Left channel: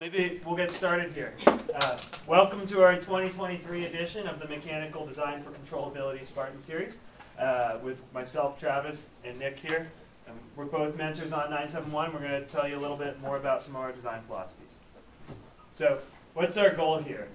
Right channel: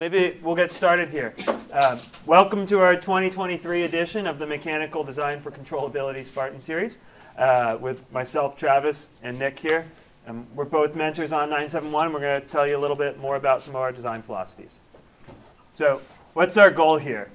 Maybe we'll get started here. Welcome to our 2023 edition of the Mechanical Design for Controllability Spartan Series with myself, Travis, and Nick here. We're both mentors on 971. We're going to tell you a little bit more about some of our design philosophies. So what's our goal here?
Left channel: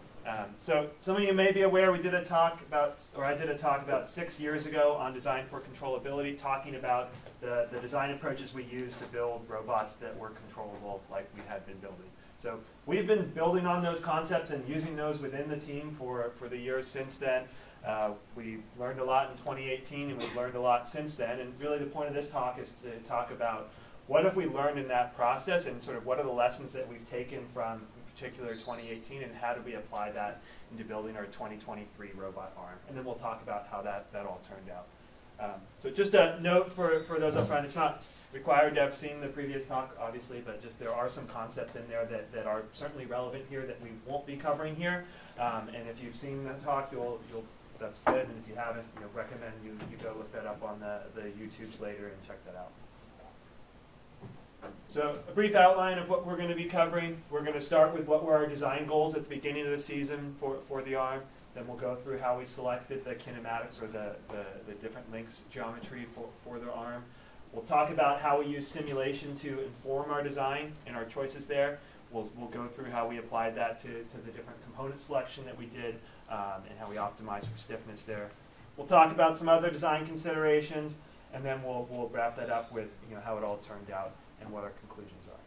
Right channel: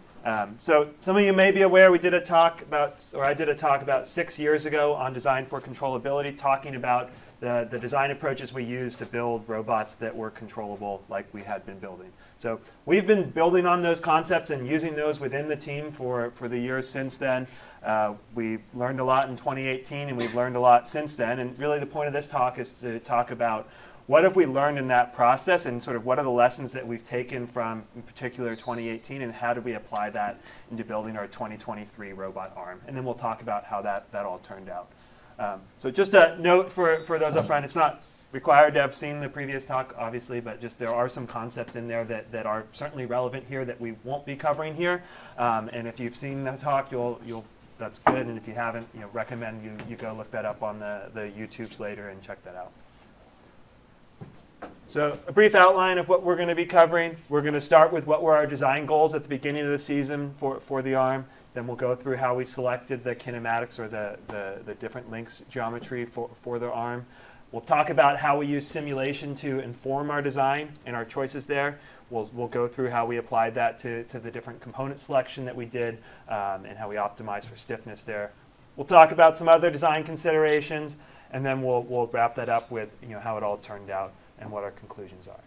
So some of you may be aware we did a talk about, or I did a talk about 6 years ago on design for controllability, talking about the design approaches we use to build robots that were controllable like we had been building. So we've been building on those concepts and using those within the team for the years since then. We learned a lot in 2018 and we've learned a lot since then. And really the point of this talk is to talk about what have we learned in that process and sort of what are the lessons that we've taken from, in particular, 2018 and how do we apply that into building our 2023 robot arm. And then we'll talk about how that all turned out. So just a note for those up front, it's not required to have seen the previous talk, obviously, but just there are some concepts in there that are certainly relevant here that we won't be covering here. And if you've seen the talk, that's good. And if you haven't, recommend you go look that up on the YouTubes later and check that out. So a brief outline of what we're going to be covering. We're going to start with what were our design goals at the beginning of the season for the arm. Then we'll go through how we selected the kinematics or the different links geometry for the arm. We'll talk about how we use simulation to inform our design and our choices there. We'll go through how we applied that to the different component selection that we did and how we optimized for stiffness there. We'll talk about some other design considerations, and then we'll wrap that up with how it all turned out and what our conclusions are.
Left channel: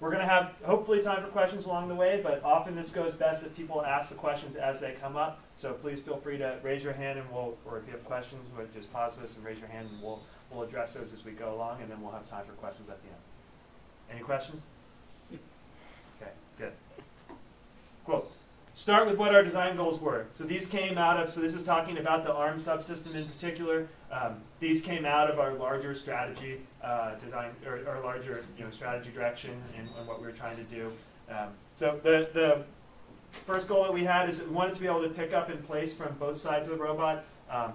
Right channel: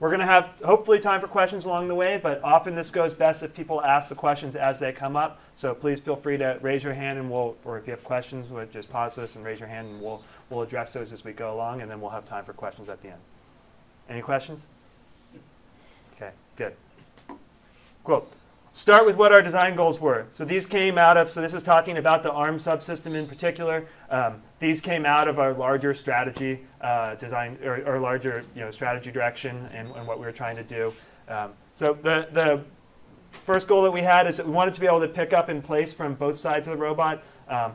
We're going to have hopefully time for questions along the way, but often this goes best if people ask the questions as they come up. So please feel free to raise your hand, and or if you have questions, just pause this and raise your hand, and we'll address those as we go along, and then we'll have time for questions at the end. Any questions? Okay, good. Cool. Start with what our design goals were. So these came out of, so this is talking about the ARM subsystem in particular. These came out of our larger strategy design, or larger strategy direction and what we were trying to do. So the first goal that we had is that we wanted to be able to pick up in place from both sides of the robot.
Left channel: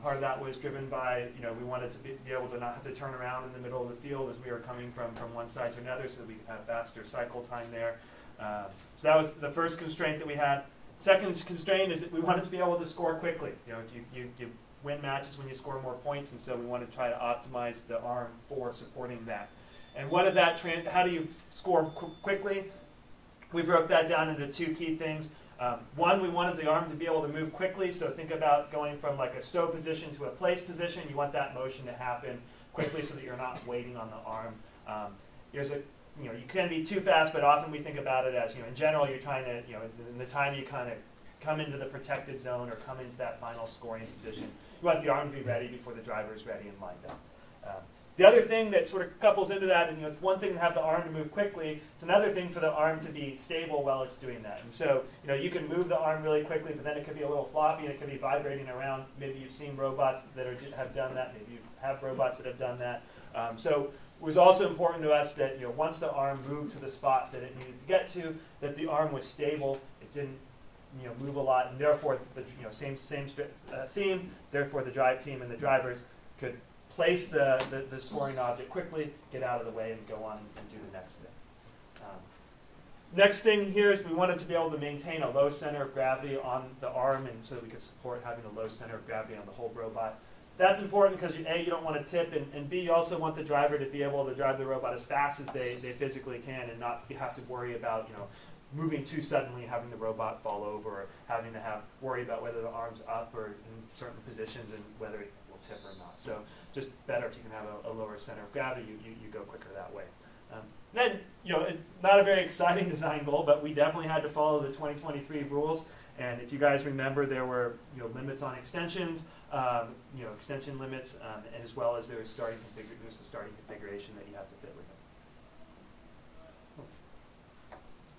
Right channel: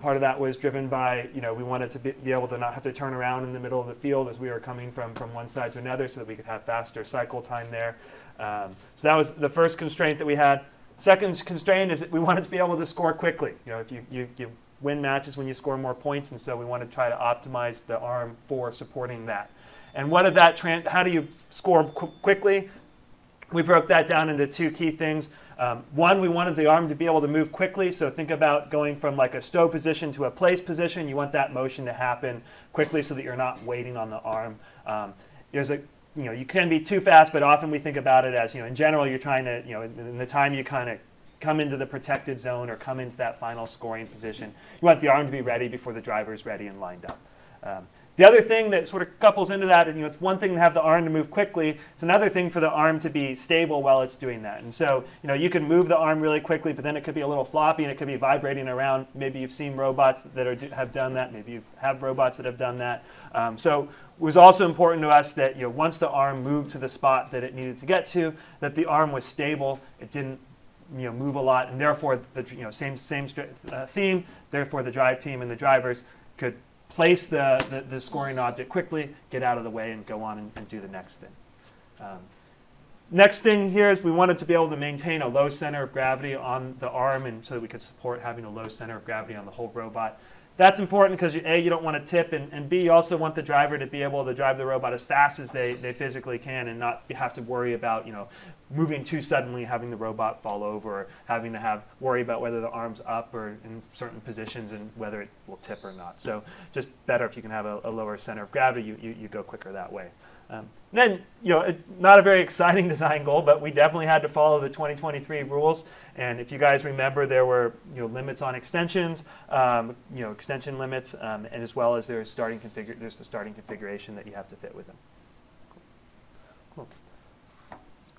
Part of that was driven by, we wanted to be able to not have to turn around in the middle of the field as we were coming from one side to another so that we could have faster cycle time there. So that was the first constraint that we had. Second constraint is that we wanted to be able to score quickly. You win matches when you score more points, and so we want to try to optimize the arm for supporting that. And what of that, how do you score quickly? We broke that down into two key things. One, we wanted the arm to be able to move quickly, so think about going from like a stow position to a place position. You want that motion to happen quickly so that you're not waiting on the arm. You can be too fast, but often we think about it as, in general, you're trying to, in the time you kind of come into the protected zone or come into that final scoring position, you want the arm to be ready before the driver's ready and lined up. The other thing that sort of couples into that, and it's one thing to have the arm to move quickly, it's another thing for the arm to be stable while it's doing that. And so, you can move the arm really quickly, but then it could be a little floppy and it could be vibrating around. Maybe you've seen robots that have done that. Maybe you have robots that have done that. So it was also important to us that once the arm moved to the spot that it needed to get to, that the arm was stable. It didn't move a lot, and therefore the same theme. Therefore, the drive team and the drivers could place the scoring object quickly, get out of the way, and go on and do the next thing. Next thing here is we wanted to be able to maintain a low center of gravity on the arm, and so that we could support having a low center of gravity on the whole robot. That's important because A, you don't want to tip, and B, you also want the driver to be able to drive the robot as fast as they physically can and not have to worry about moving too suddenly, having the robot fall over, or having to worry about whether the arm's up or in certain positions and whether it will tip or not. So just better if you can have a lower center of gravity, you go quicker that way. Then, not a very exciting design goal, but we definitely had to follow the 2023 rules. And if you guys remember, there were limits on extensions, extension limits, and as well as there's the starting configuration that you have to fit with them. Cool.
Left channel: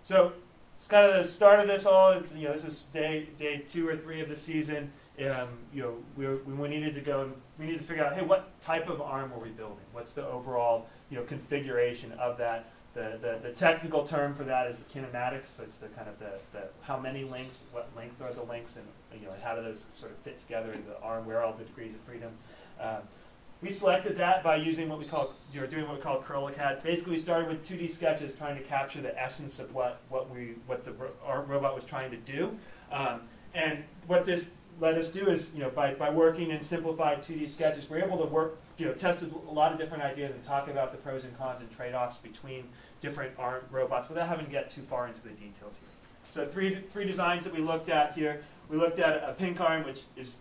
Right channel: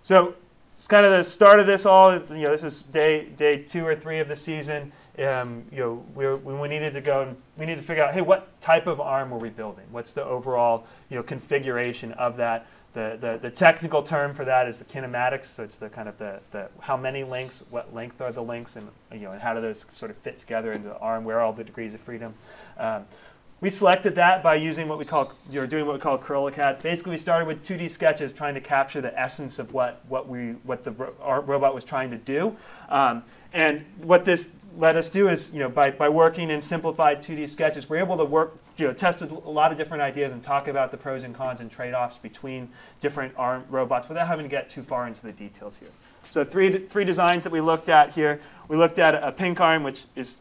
So it's kind of the start of this all. This is day 2 or 3 of the season. We needed to figure out, hey, what type of arm were we building? What's the overall configuration of that? The technical term for that is the kinematics. So it's the kind of the how many links, what length are the links, and and how do those sort of fit together into the arm? Where are all the degrees of freedom? We selected that by using what we call, doing what we call CorelCAD. Basically, we started with 2D sketches trying to capture the essence of what our robot was trying to do. And what this let us do is, by working in simplified 2D sketches, we're able to test a lot of different ideas and talk about the pros and cons and trade-offs between different arm robots without having to get too far into the details here. So three designs that we looked at here. We looked at a pink arm, which is,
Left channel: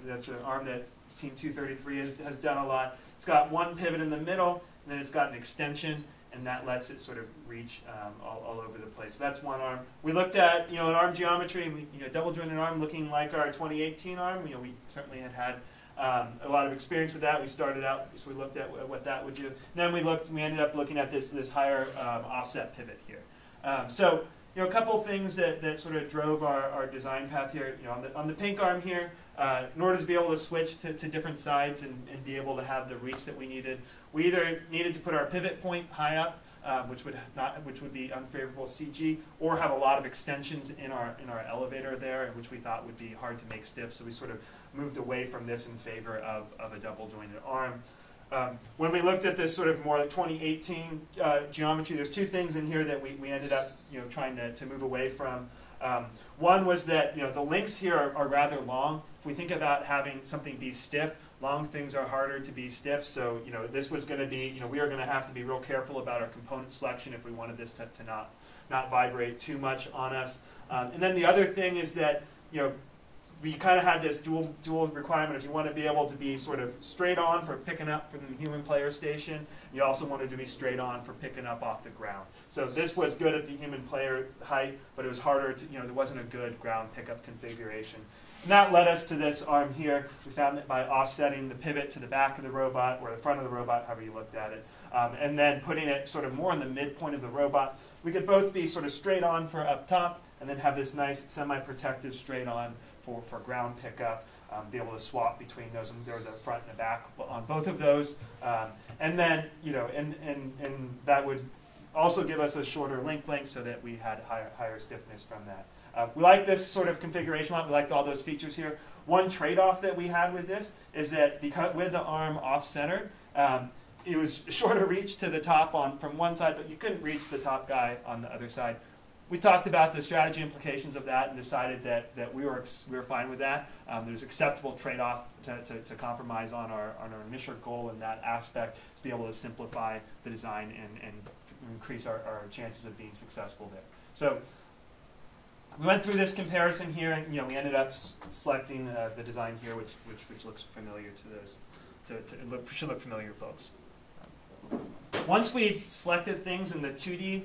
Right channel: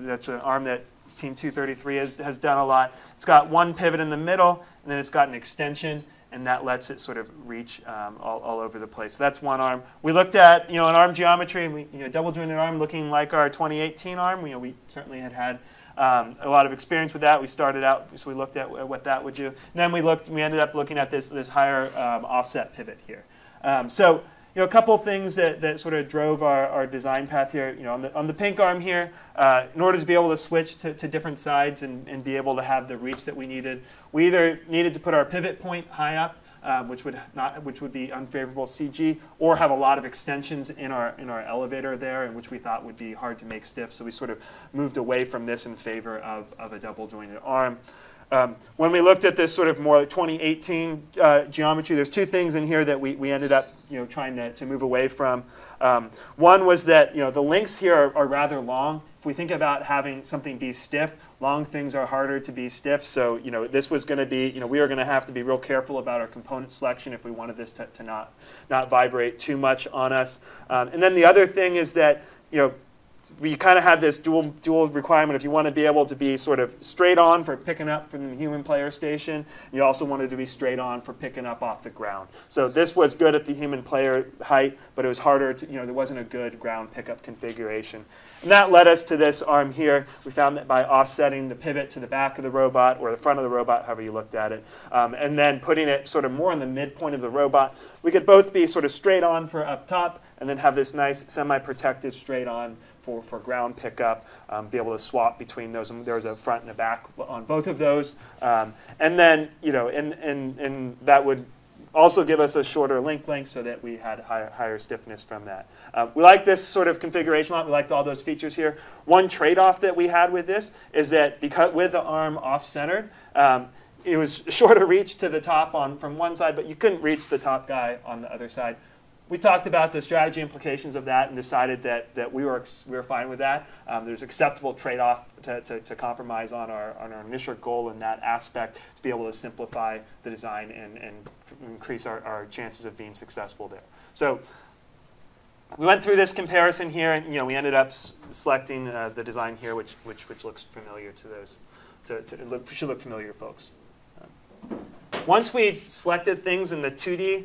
that's an arm that Team 233 has done a lot. It's got one pivot in the middle, and then it's got an extension, and that lets it sort of reach all over the place. So that's one arm. We looked at, an arm geometry, double jointed arm looking like our 2018 arm. We certainly had a lot of experience with that. We started out, so we looked at what that would do. And then we ended up looking at this higher offset pivot here. So a couple things that sort of drove our design path here. On the pink arm here, in order to be able to switch to different sides and be able to have the reach that we needed, we either needed to put our pivot point high up, which would be unfavorable CG, or have a lot of extensions in our elevator there, and which we thought would be hard to make stiff. So we sort of moved away from this in favor of a double jointed arm. When we looked at this sort of more like 2018 geometry, there's two things in here that we ended up trying to move away from. One was that the links here are rather long. If we think about having something be stiff, long things are harder to be stiff. So this was going to be, we are going to have to be real careful about our component selection if we wanted this to not vibrate too much on us. And then the other thing is that we kind of had this dual requirement. If you want to be able to be sort of straight on for picking up from the human player station, you also wanted to be straight on for picking up off the ground. So this was good at the human player height, but it was harder to, there wasn't a good ground pickup configuration. And that led us to this arm here. We found that by offsetting the pivot to the back of the robot or the front of the robot, however you looked at it, and then putting it sort of more in the midpoint of the robot, we could both be sort of straight on for up top and then have this nice semi-protected straight on for ground pickup, be able to swap between those. And there's a front and a back on both of those. And then, and that would also give us a shorter link length so that we had higher stiffness from that. We like this sort of configuration a lot. We liked all those features here. One trade-off that we had with this is that because with the arm off-centered, it was shorter reach to the top from one side, but you couldn't reach the top guy on the other side. We talked about the strategy implications of that and decided that we were fine with that. There's acceptable trade-off to compromise on our initial goal in that aspect to be able to simplify the design and increase our chances of being successful there. So we went through this comparison here, and we ended up selecting the design here, which looks familiar to those. Should look familiar, folks. Once we selected things in the 2D,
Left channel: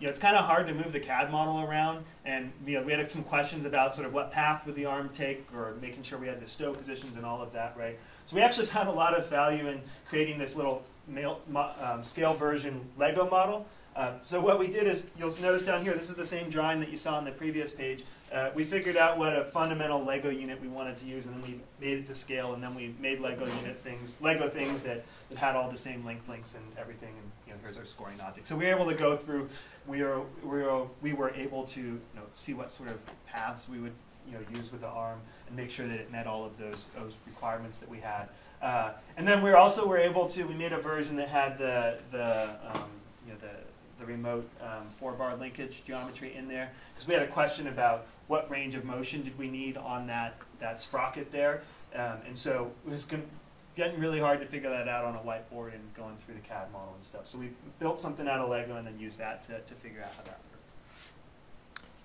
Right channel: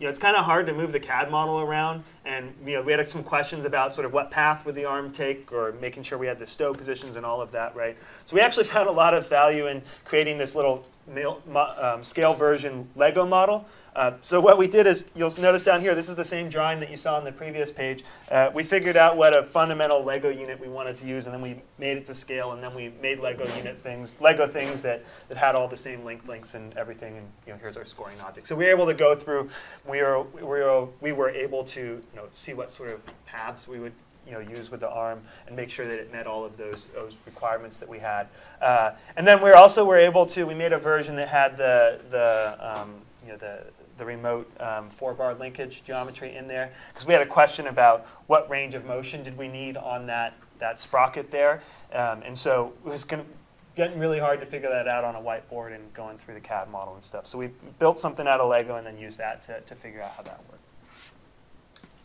it's kind of hard to move the CAD model around, and we had some questions about sort of what path would the arm take, or making sure we had the stow positions and all of that, right? So we actually found a lot of value in creating this little scale version Lego model. So what we did is, you'll notice down here, this is the same drawing that you saw on the previous page. We figured out what a fundamental Lego unit we wanted to use, and then we made it to scale, and then we made Lego things that had all the same links and everything. And here's our scoring object. So we were able to go through. We were able to see what sort of paths we would use with the arm and make sure that it met all of those requirements that we had. And then we also were able to. We made a version that had the remote 4-bar linkage geometry in there, because we had a question about what range of motion did we need on that sprocket there, and so it was getting really hard to figure that out on a whiteboard and going through the CAD model and stuff. So we built something out of Lego and then used that to figure out how that worked.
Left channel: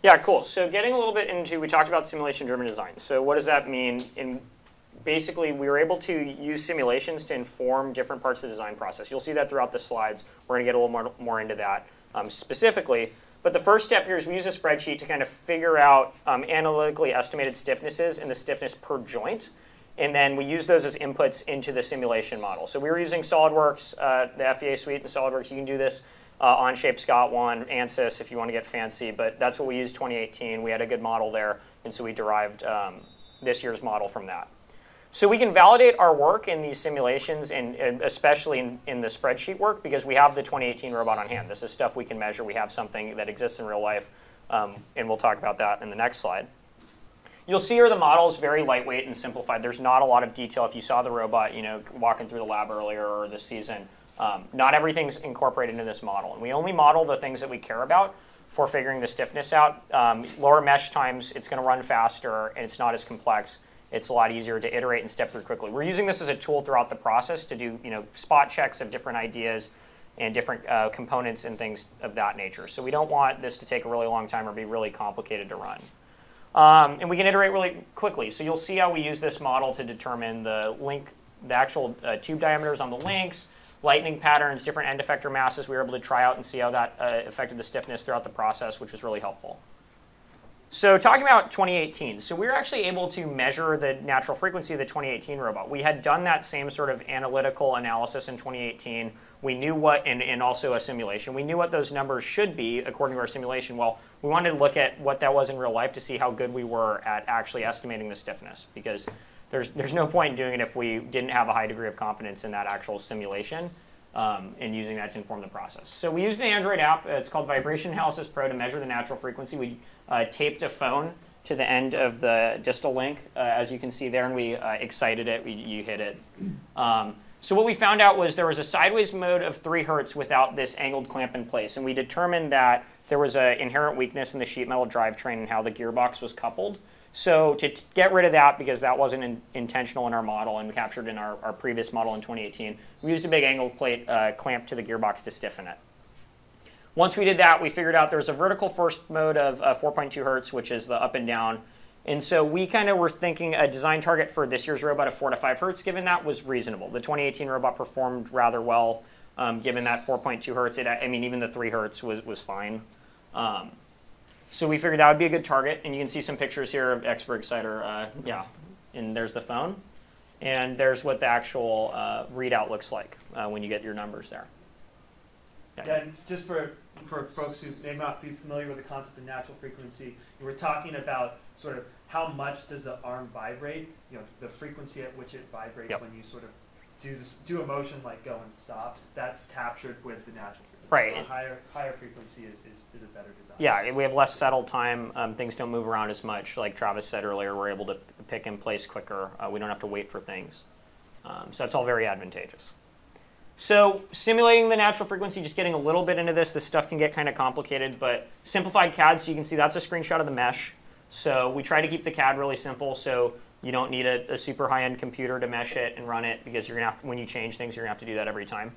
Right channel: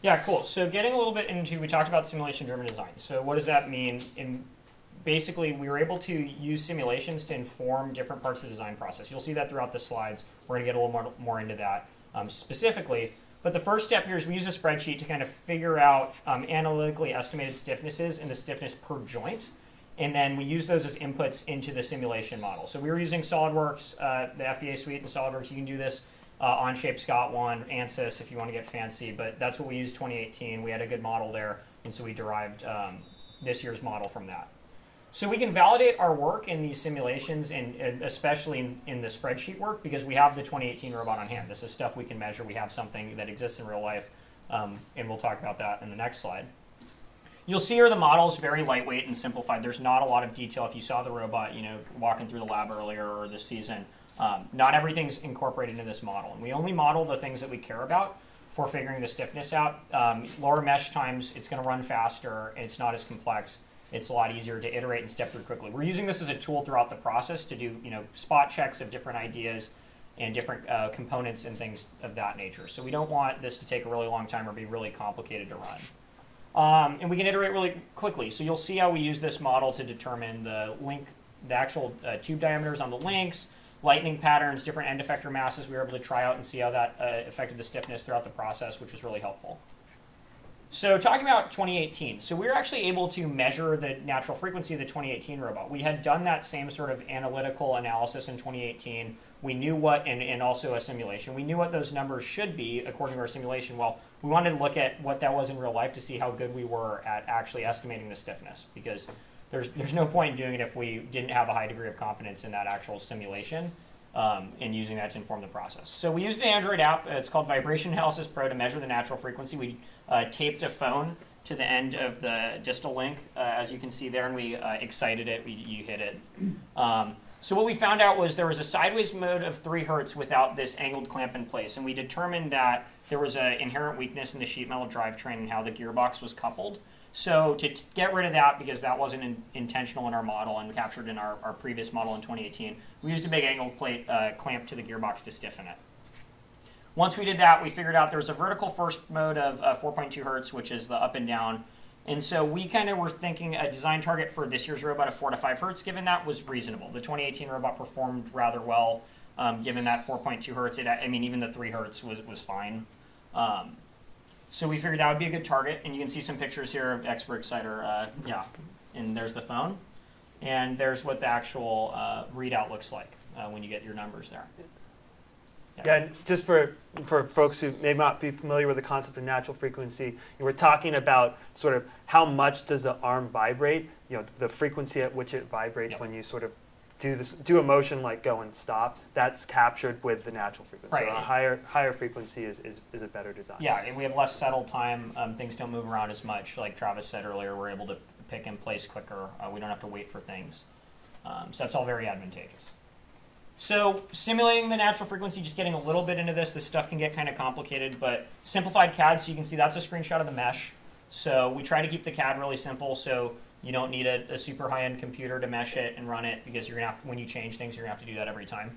Yeah, cool. So getting a little bit into, we talked about simulation-driven design. So what does that mean? Basically, we were able to use simulations to inform different parts of the design process. You'll see that throughout the slides. We're going to get a little more into that specifically. But the first step here is we use a spreadsheet to kind of figure out analytically estimated stiffnesses and the stiffness per joint. And then we use those as inputs into the simulation model. So we were using SolidWorks, the FEA suite in SolidWorks. You can do this Onshape, Scott One, ANSYS if you want to get fancy. But that's what we used 2018. We had a good model there. And so we derived this year's model from that. So we can validate our work in these simulations, and especially in the spreadsheet work, because we have the 2018 robot on hand. This is stuff we can measure. We have something that exists in real life, and we'll talk about that in the next slide. You'll see here the model is very lightweight and simplified. There's not a lot of detail. If you saw the robot, walking through the lab earlier or this season, not everything's incorporated into this model. And we only model the things that we care about for figuring the stiffness out. Lower mesh times, it's going to run faster, and it's not as complex. It's a lot easier to iterate and step through quickly. We're using this as a tool throughout the process to do spot checks of different ideas and different components and things of that nature. So we don't want this to take a really long time or be really complicated to run. And we can iterate really quickly. So you'll see how we use this model to determine the actual tube diameters on the links, lightning patterns, different end effector masses. We were able to try out and see how that affected the stiffness throughout the process, which was really helpful. So talking about 2018, so we were actually able to measure the natural frequency of the 2018 robot. We had done that same sort of analytical analysis in 2018. We knew what, and also a simulation, we knew what those numbers should be according to our simulation. Well, we wanted to look at what that was in real life to see how good we were at actually estimating the stiffness, because there's no point in doing it if we didn't have a high degree of confidence in that actual simulation and using that to inform the process. So we used an Android app. It's called Vibration Analysis Pro to measure the natural frequency. We taped a phone to the end of the distal link, as you can see there, and we excited it. You hit it. So what we found out was there was a sideways mode of 3 hertz without this angled clamp in place, and we determined that there was an inherent weakness in the sheet metal drivetrain and how the gearbox was coupled. So to get rid of that, because that wasn't intentional in our model and captured in our previous model in 2018, we used a big angled plate clamp to the gearbox to stiffen it. Once we did that, we figured out there was a vertical first mode of 4.2 hertz, which is the up and down. And so we kind of were thinking a design target for this year's robot of 4 to 5 hertz, given that was reasonable. The 2018 robot performed rather well, given that 4.2 hertz. Even the 3 hertz was fine. So we figured that would be a good target, and you can see some pictures here of Expert Exciter. And there's the phone, and there's what the actual readout looks like when you get your numbers there. Yeah, and just for folks who may not be familiar with the concept of natural frequency, we're talking about sort of how much does the arm vibrate, the frequency at which it vibrates when you sort of do a motion like go and stop. That's captured with the natural frequency. Right. So a higher frequency is a better design. Yeah, we have less settle time. Things don't move around as much. Like Travis said earlier, we're able to pick in place quicker. We don't have to wait for things. So that's all very advantageous. So simulating the natural frequency, just getting a little bit into this stuff can get kind of complicated, but simplified CAD, so you can see that's a screenshot of the mesh. So we try to keep the CAD really simple, so you don't need a super high-end computer to mesh it and run it, because you're going to have to, when you change things, you're going to have to do that every time.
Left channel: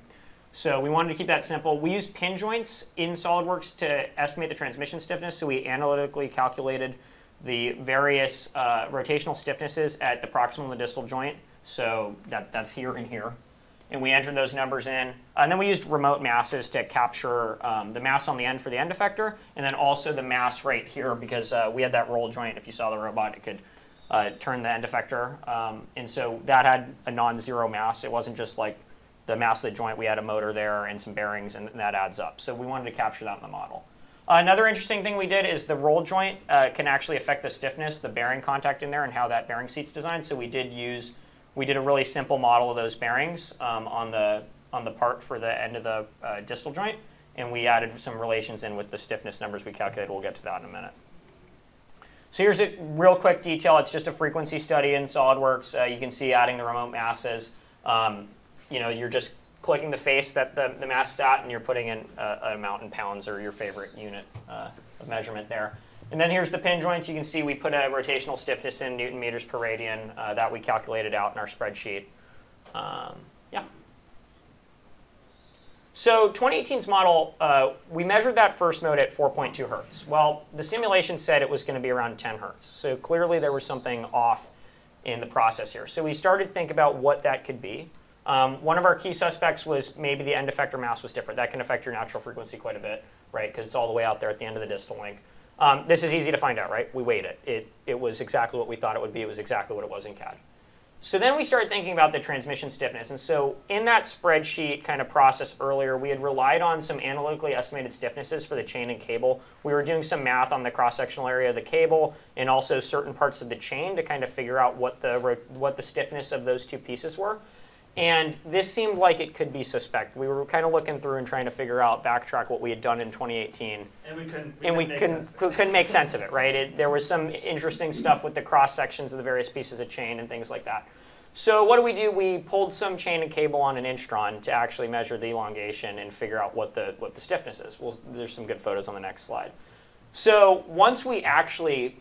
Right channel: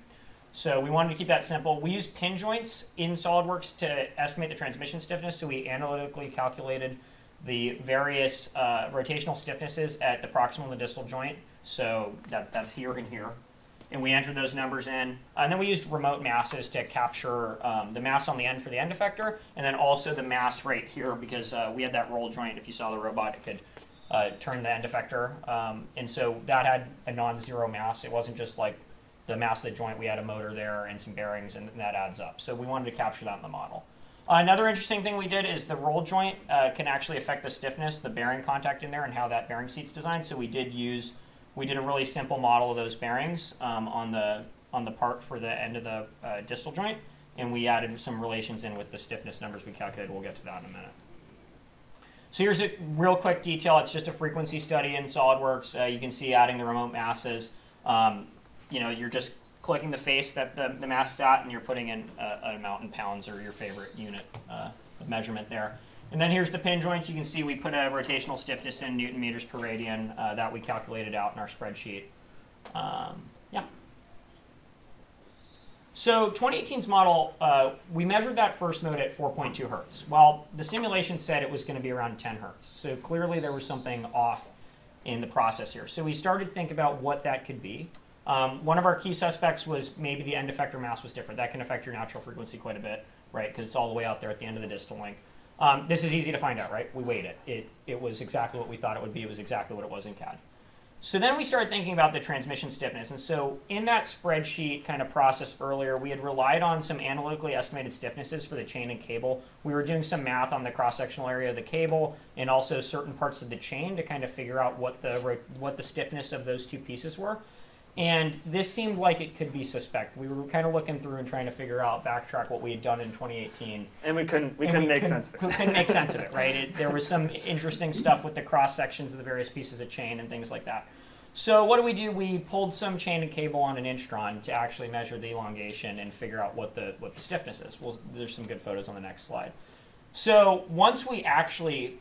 So we wanted to keep that simple. We used pin joints in SolidWorks to estimate the transmission stiffness, so we analytically calculated the various rotational stiffnesses at the proximal and the distal joint. So that's here and here. And we entered those numbers in. And then we used remote masses to capture the mass on the end for the end effector, and then also the mass right here, because we had that roll joint. If you saw the robot, it could turn the end effector. And so that had a non-zero mass. It wasn't just like the mass of the joint. We had a motor there and some bearings, and that adds up. So we wanted to capture that in the model. Another interesting thing we did is the roll joint can actually affect the stiffness, the bearing contact in there, and how that bearing seat's designed. So we did a really simple model of those bearings on the part for the end of the distal joint, and we added some relations in with the stiffness numbers we calculated. We'll get to that in a minute. So here's a real quick detail. It's just a frequency study in SolidWorks. You can see adding the remote masses. You're just clicking the face that the mass is at, and you're putting in an amount in pounds or your favorite unit of measurement there. And then here's the pin joints. You can see we put a rotational stiffness in Newton meters per radian that we calculated out in our spreadsheet. So 2018's model, we measured that first mode at 4.2 hertz. Well, the simulation said it was going to be around 10 hertz. So clearly there was something off in the process here. So we started to think about what that could be. One of our key suspects was maybe the end effector mass was different. That can affect your natural frequency quite a bit, right? Because it's all the way out there at the end of the distal link. This is easy to find out, right? We weighed it. It was exactly what we thought it would be. It was exactly what it was in CAD. So then we started thinking about the transmission stiffness. And so in that spreadsheet kind of process earlier, we had relied on some analytically estimated stiffnesses for the chain and cable. We were doing some math on the cross-sectional area of the cable and also certain parts of the chain to kind of figure out what the stiffness of those two pieces were. And this seemed like it could be suspect. We were kind of looking through and trying to backtrack what we had done in 2018. And we couldn't make sense of it. Couldn't make sense of it, right? There was some interesting stuff with the cross sections of the various pieces of chain and things like that. So what do? We pulled some chain and cable on an inchtron to actually measure the elongation and figure out what the stiffness is. There's some good photos on the next slide. So once we actually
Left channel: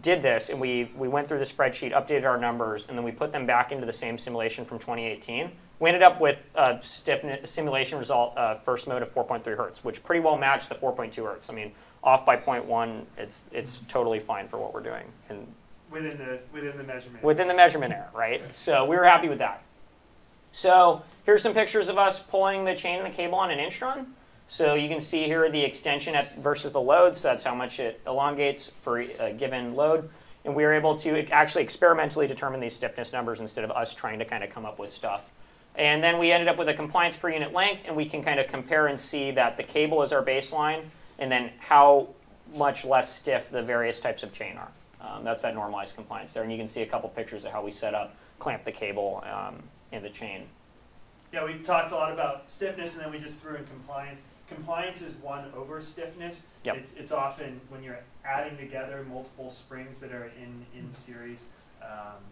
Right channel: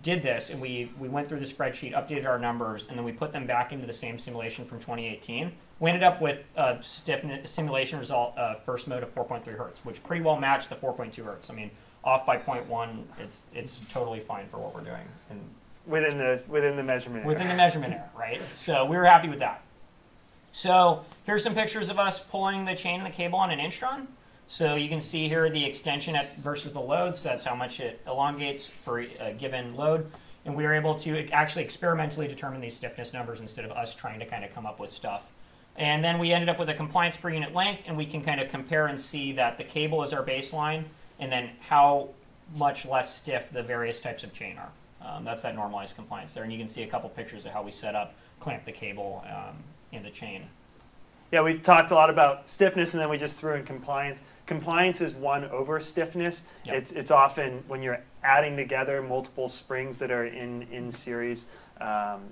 did this, and we went through the spreadsheet, updated our numbers, and then we put them back into the same simulation from 2018. We ended up with a stiffness simulation result, first mode of 4.3 hertz, which pretty well matched the 4.2 hertz. I mean, off by 0.1, it's totally fine for what we're doing. And within the measurement. Within the measurement error, right? So we were happy with that. So here's some pictures of us pulling the chain and the cable on an inchtron. So you can see here the extension versus the load, so that's how much it elongates for a given load. And we were able to actually experimentally determine these stiffness numbers instead of us trying to kind of come up with stuff. And then we ended up with a compliance per unit length, and we can kind of compare and see that the cable is our baseline, and then how much less stiff the various types of chain are. That's that normalized compliance there. And you can see a couple pictures of how we set up, clamp the cable, and the chain. Yeah, we talked a lot about stiffness, and then we just threw in compliance. Compliance is 1 over stiffness. Yep. It's often when you're adding together multiple springs that are in series,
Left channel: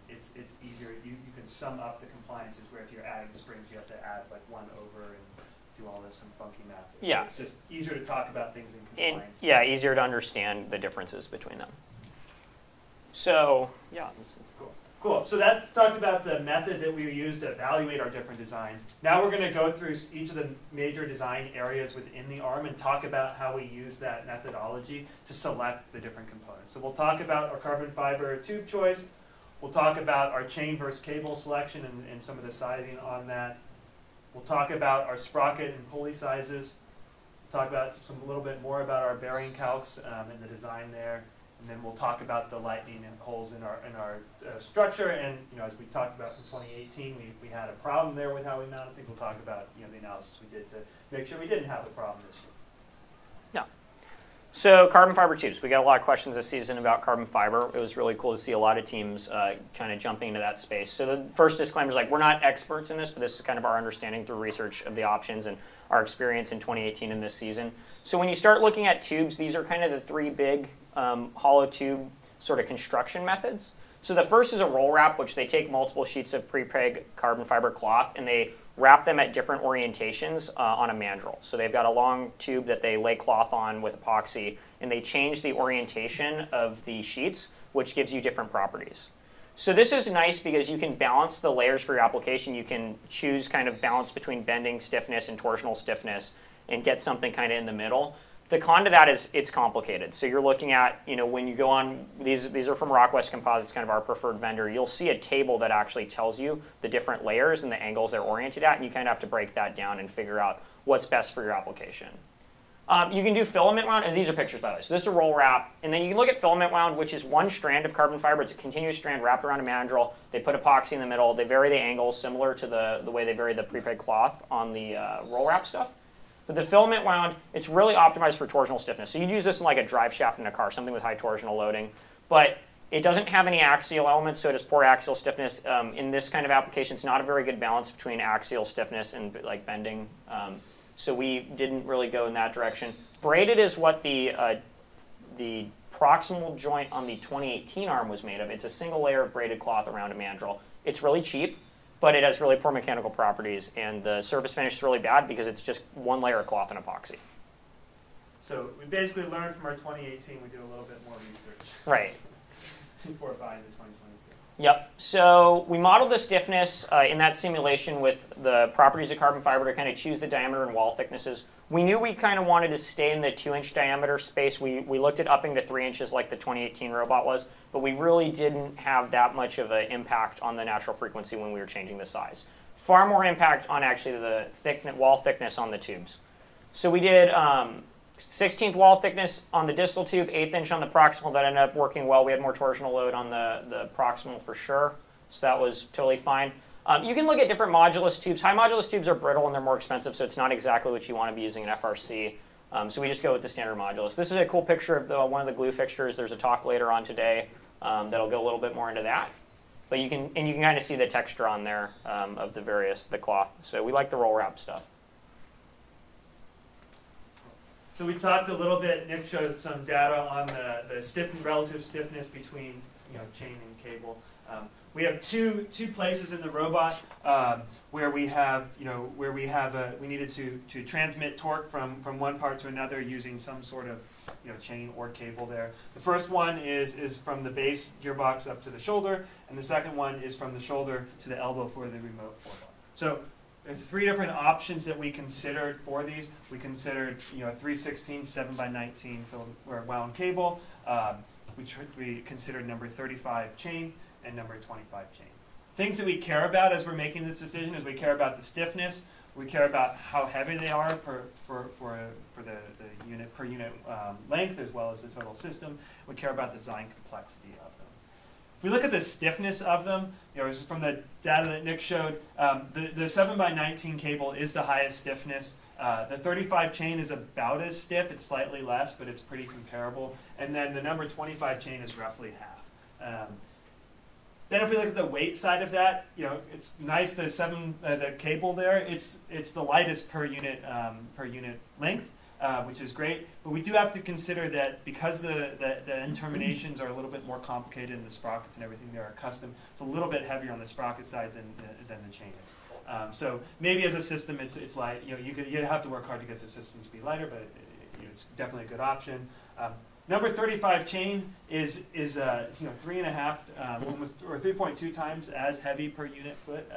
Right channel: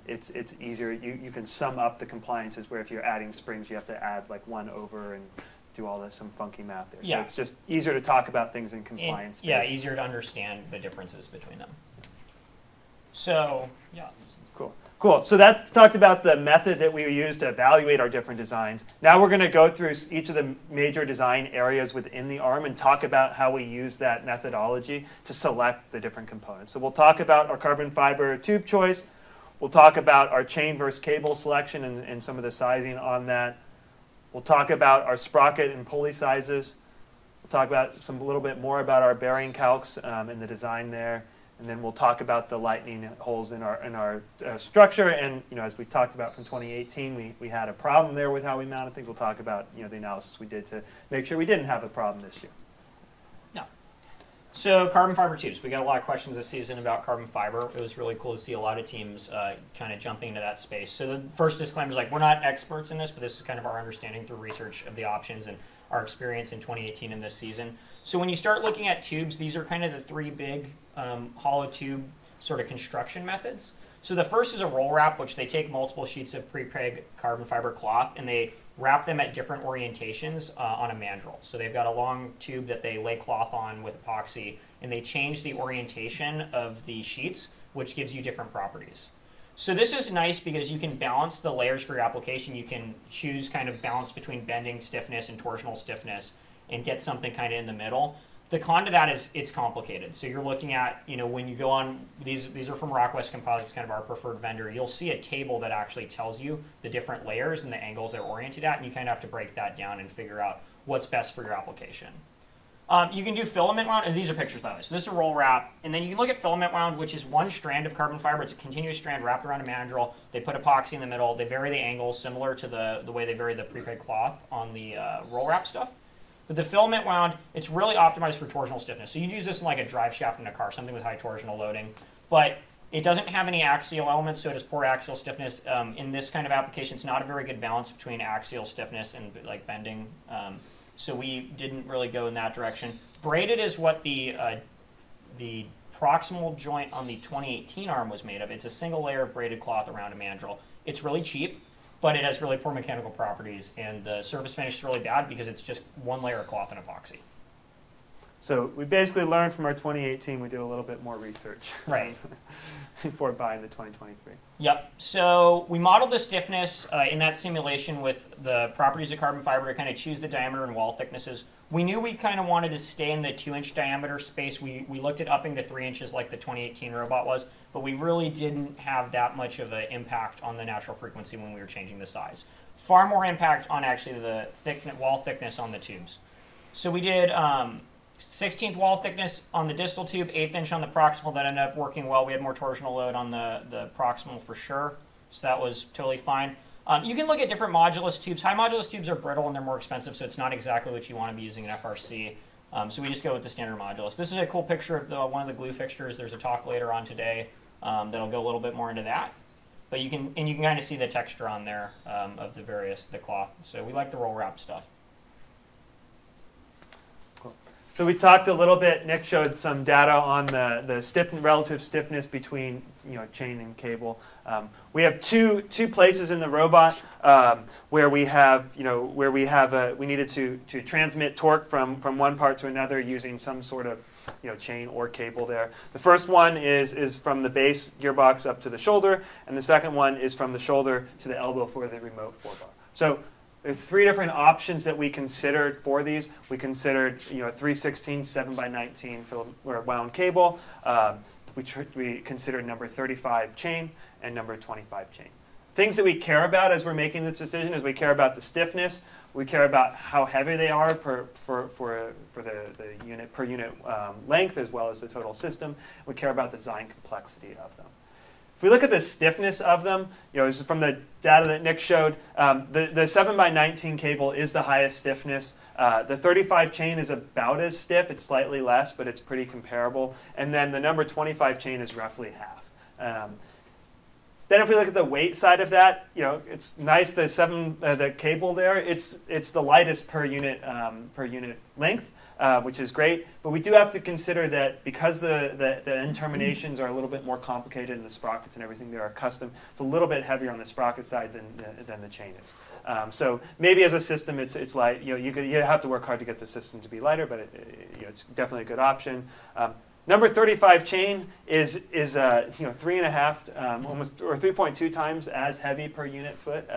it's easier. You can sum up the compliances where if you're adding springs, you have to add like 1 over and do all this some funky math there. Yeah. So it's just easier to talk about things in compliance. Yeah, easier to understand the differences between them. So, yeah. Cool. So that talked about the method that we use to evaluate our different designs. Now we're going to go through each of the major design areas within the ARM and talk about how we use that methodology to select the different components. So we'll talk about our carbon fiber tube choice. We'll talk about our chain versus cable selection and some of the sizing on that. We'll talk about our sprocket and pulley sizes. We'll talk about a little bit more about our bearing calcs and the design there. And then we'll talk about the lightning holes in our structure. And as we talked about from 2018, we had a problem there with how we mounted things. We'll talk about the analysis we did to make sure we didn't have a problem this year. Yeah. So carbon fiber tubes. We got a lot of questions this season about carbon fiber. It was really cool to see a lot of teams kind of jumping into that space. So the first disclaimer is we're not experts in this, but this is kind of our understanding through research of the options and our experience in 2018 and this season. So when you start looking at tubes, these are kind of the 3 big hollow tube sort of construction methods. So the first is a roll wrap, which they take multiple sheets of pre-preg carbon fiber cloth and they wrap them at different orientations on a mandrel. So they've got a long tube that they lay cloth on with epoxy, and they change the orientation of the sheets, which gives you different properties. So this is nice because you can balance the layers for your application. You can choose kind of balance between bending stiffness and torsional stiffness and get something kind of in the middle. The con to that is it's complicated. So you're looking at, when you go on, these are from Rockwest Composites, kind of our preferred vendor. You'll see a table that actually tells you the different layers and the angles they're oriented at, and you kind of have to break that down and figure out what's best for your application. You can do filament wound, and these are pictures by the way. So this is a roll wrap, and then you can look at filament wound, which is 1 strand of carbon fiber. It's a continuous strand wrapped around a mandrel. They put epoxy in the middle. They vary the angles similar to the way they vary the pre-preg cloth on the roll wrap stuff. But the filament wound, it's really optimized for torsional stiffness. So you'd use this in like a drive shaft in a car, something with high torsional loading. But it doesn't have any axial elements, so it has poor axial stiffness. In this kind of application, it's not a very good balance between axial stiffness and like bending. So we didn't really go in that direction. Braided is what the proximal joint on the 2018 ARM was made of. It's a single layer of braided cloth around a mandrel. It's really cheap, but it has really poor mechanical properties, and the surface finish is really bad because it's just 1 layer of cloth and epoxy. So we basically learned from our 2018, we do a little bit more research. Right. Before buying the 2023. Yep. So we modeled the stiffness in that simulation with the properties of carbon fiber to kind of choose the diameter and wall thicknesses. We knew we kind of wanted to stay in the 2-inch diameter space. We looked at upping to 3 inches like the 2018 robot was, but we really didn't have that much of an impact on the natural frequency when we were changing the size. Far more impact on actually the wall thickness on the tubes. So we did 16th wall thickness on the distal tube, 1/8 inch on the proximal. That ended up working well. We had more torsional load on the proximal for sure, so that was totally fine. You can look at different modulus tubes. High modulus tubes are brittle and they're more expensive, so it's not exactly what you want to be using in FRC. So we just go with the standard modulus. This is a cool picture of one of the glue fixtures. There's a talk later on today that'll go a little bit more into that. But you can kind of see the texture on there of the cloth. So we like the roll wrap stuff. So we talked a little bit. Nick showed some data on the relative stiffness between chain and cable. We have two places in the robot where we needed to transmit torque from one part to another using some sort of chain or cable there. The first one is from the base gearbox up to the shoulder, and the second one is from the shoulder to the elbow for the remote forebar. So there are three different options that we considered for these. We considered 3/16 7x19 wound cable. We considered number 35 chain and number 25 chain. Things that we care about as we're making this decision is we care about the stiffness, we care about how heavy they are for the unit per unit length as well as the total system. We care about the design complexity of them. If we look at the stiffness of them, this is from the data that Nick showed. The 7x19 cable is the highest stiffness. The 35 chain is about as stiff. It's slightly less, but it's pretty comparable. And then the number 25 chain is roughly half. Then if we look at the weight side of that, it's nice. The cable there, it's the lightest per unit length, which is great. But we do have to consider that because the end terminations are a little bit more complicated and the sprockets and everything there are custom, it's a little bit heavier on the sprocket side than the chain is. So maybe as a system, it's light. You have to work hard to get the system to be lighter, but it's definitely a good option. Number 35 chain is 3.5 almost or 3.2 times as heavy per unit foot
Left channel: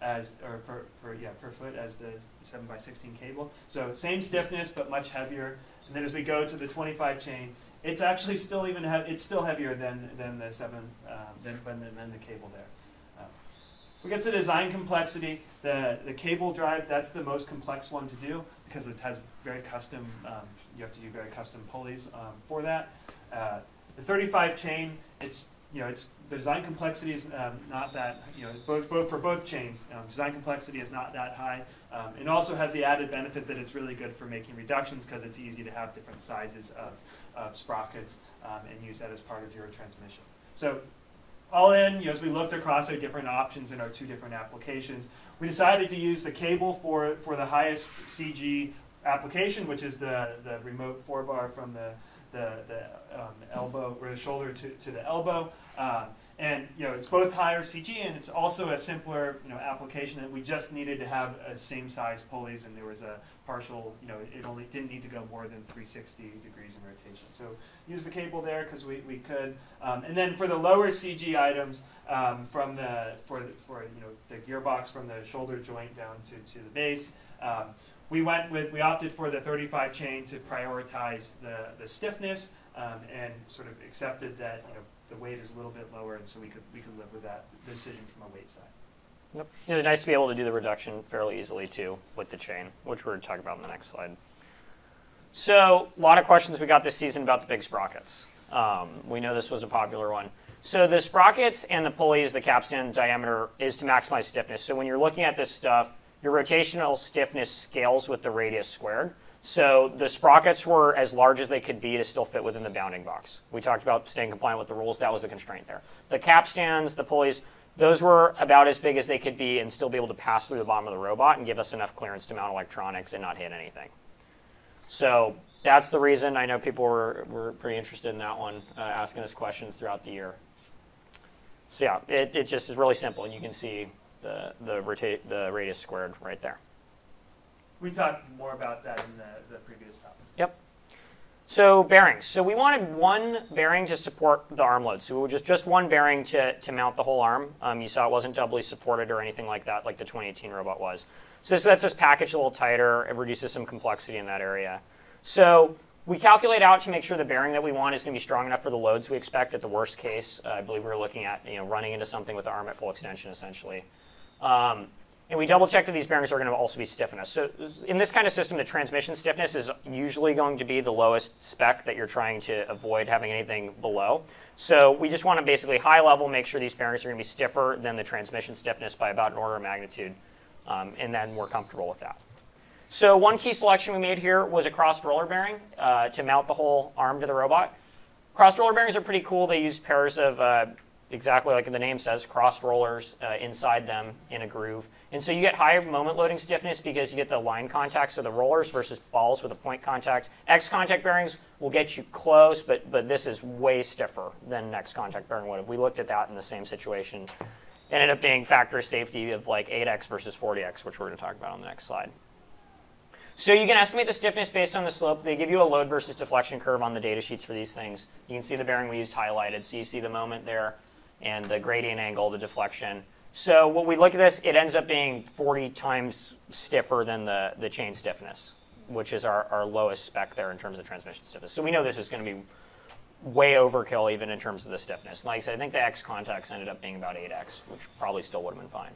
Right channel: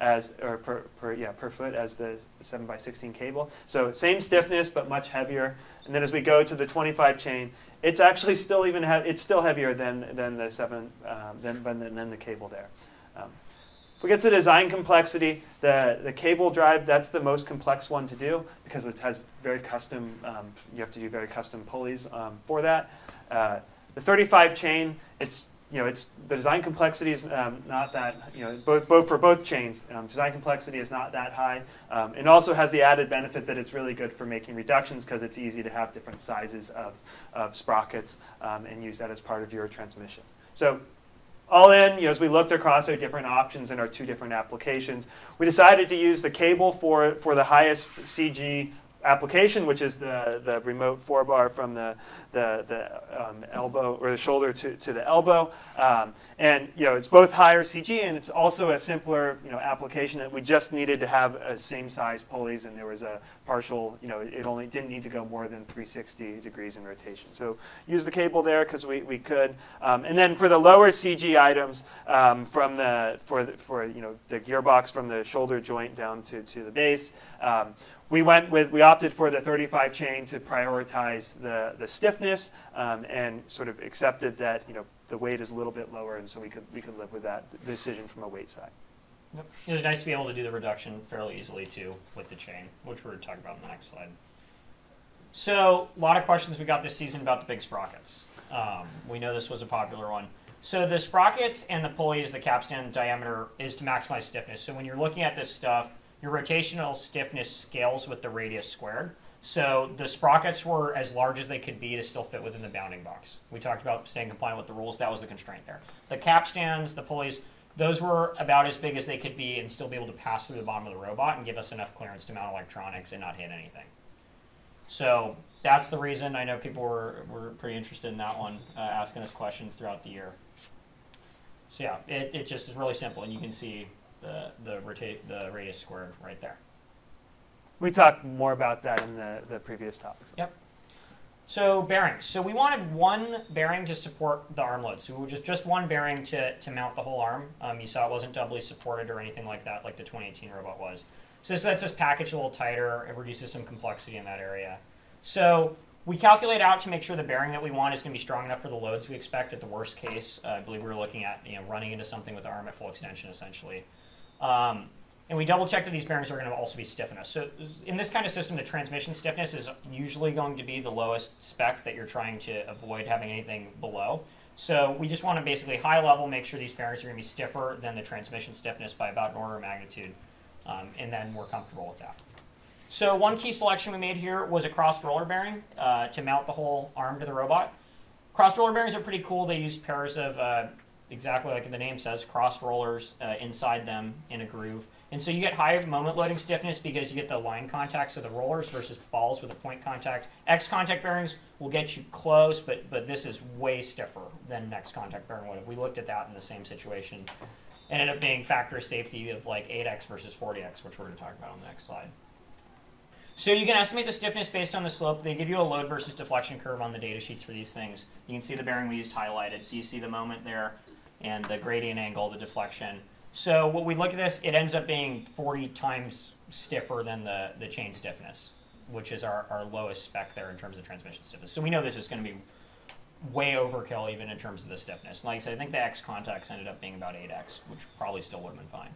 per foot as the 7x16 cable. So same stiffness but much heavier. And then as we go to the 25 chain, it's actually still it's still heavier than the the cable there. If we get to design complexity, the cable drive, that's the most complex one to do because it has very custom, you have to do very custom pulleys for that. The 35 chain, the design complexity is not that, both for both chains, design complexity is not that high. It also has the added benefit that it's really good for making reductions because it's easy to have different sizes of sprockets and use that as part of your transmission. So all in, as we looked across our different options in our two different applications, we decided to use the cable for the highest CG application, which is the remote forebar from the elbow or the shoulder to the elbow. And it's both higher CG and it's also a simpler application that we just needed to have a same size pulleys, and there was a partial, it only didn't need to go more than 360 degrees in rotation. So use the cable there because we could. And then for the lower CG items, for the gearbox from the shoulder joint down to the base, we opted for the 35 chain to prioritize the stiffness and sort of accepted that the weight is a little bit lower, and so we could live with that decision from a weight side. Yep. It's nice to be able to do the reduction fairly easily too with the chain, which we're going to talk about in the next slide. So a lot of questions we got this season about the big sprockets. We know this was a popular one. So the sprockets and the pulleys, the capstan diameter is to maximize stiffness. So when you're looking at this stuff, your rotational stiffness scales with the radius squared. So the sprockets were as large as they could be to still fit within the bounding box. We talked about staying compliant with the rules. That was the constraint there. The capstans, the pulleys, those were about as big as they could be and still be able to pass through the bottom of the robot and give us enough clearance to mount electronics and not hit anything. So that's the reason. I know people were pretty interested in that one, asking us questions throughout the year. So yeah, it just is really simple, and you can see the radius squared right there. We talked more about that in the previous topics. Yep. So bearings. So we wanted one bearing to support the arm load. So it was just one bearing to mount the whole arm. You saw it wasn't doubly supported or anything like that, like the 2018 robot was. So this lets us package a little tighter. It reduces some complexity in that area. So we calculate out to make sure the bearing that we want is going to be strong enough for the loads we expect at the worst case. I believe we were looking at running into something with the arm at full extension, essentially. And we double check that these bearings are going to also be stiff enough. So in this kind of system, the transmission stiffness is usually going to be the lowest spec that you're trying to avoid having anything below. So we just want to basically high level make sure these bearings are going to be stiffer than the transmission stiffness by about an order of magnitude. And then we're comfortable with that. So one key selection we made here was a crossed roller bearing to mount the whole arm to the robot. Crossed roller bearings are pretty cool. They use pairs of exactly like the name says, crossed rollers inside them in a groove. And so you get higher moment loading stiffness because you get the line contacts of the rollers versus balls with a point contact. X contact bearings will get you close, but this is way stiffer than an X contact bearing would have. We looked at that in the same situation. It ended up being factor of safety of like 8X versus 40X, which we're going to talk about on the next slide. So you can estimate the stiffness based on the slope. They give you a load versus deflection curve on the data sheets for these things. You can see the bearing we used highlighted. So you see the moment there and the gradient angle, the deflection. So when we look at this, it ends up being 40 times stiffer than the chain stiffness, which is our lowest spec there in terms of transmission stiffness. So we know this is going to be way overkill even in terms of the stiffness. Like I said, I think the X contacts ended up being about 8X, which probably still would have been fine.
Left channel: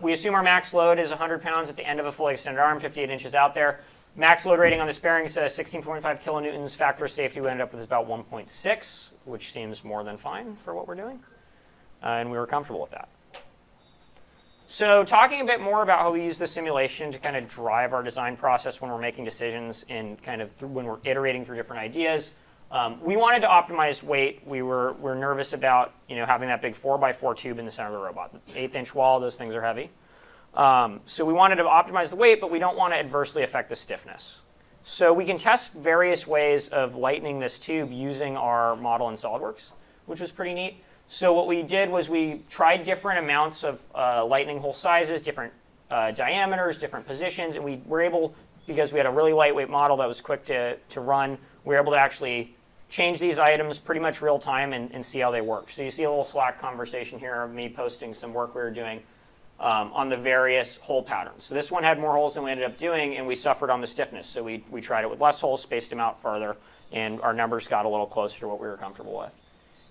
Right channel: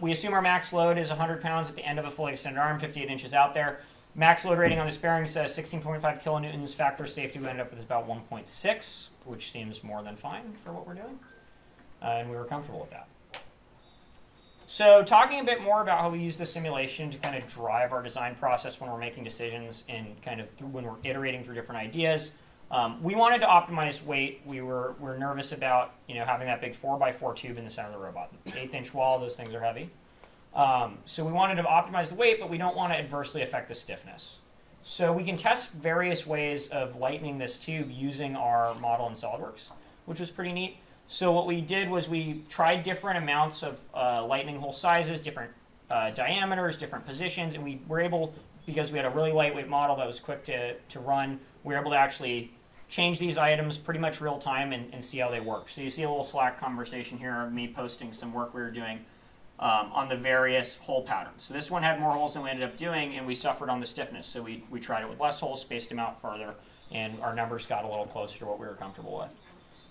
We assume our max load is 100 pounds at the end of a fully extended arm, 58 inches out there. Max load rating on this bearing says 16.5 kilonewtons. Factor of safety we ended up with about 1.6, which seems more than fine for what we're doing. And we were comfortable with that. So talking a bit more about how we use the simulation to kind of drive our design process when we're making decisions and kind of when we're iterating through different ideas. We wanted to optimize weight. We're nervous about having that big 4x4 tube in the center of the robot. 1/8-inch wall, those things are heavy. So we wanted to optimize the weight, but we don't want to adversely affect the stiffness. So we can test various ways of lightening this tube using our model in SolidWorks, which was pretty neat. So what we did was we tried different amounts of lightning hole sizes, different diameters, different positions, and we were able, because we had a really lightweight model that was quick to run, we were able to actually change these items pretty much real time and see how they work. So you see a little Slack conversation here of me posting some work we were doing on the various hole patterns. So this one had more holes than we ended up doing, and we suffered on the stiffness. So we tried it with less holes, spaced them out farther, and our numbers got a little closer to what we were comfortable with.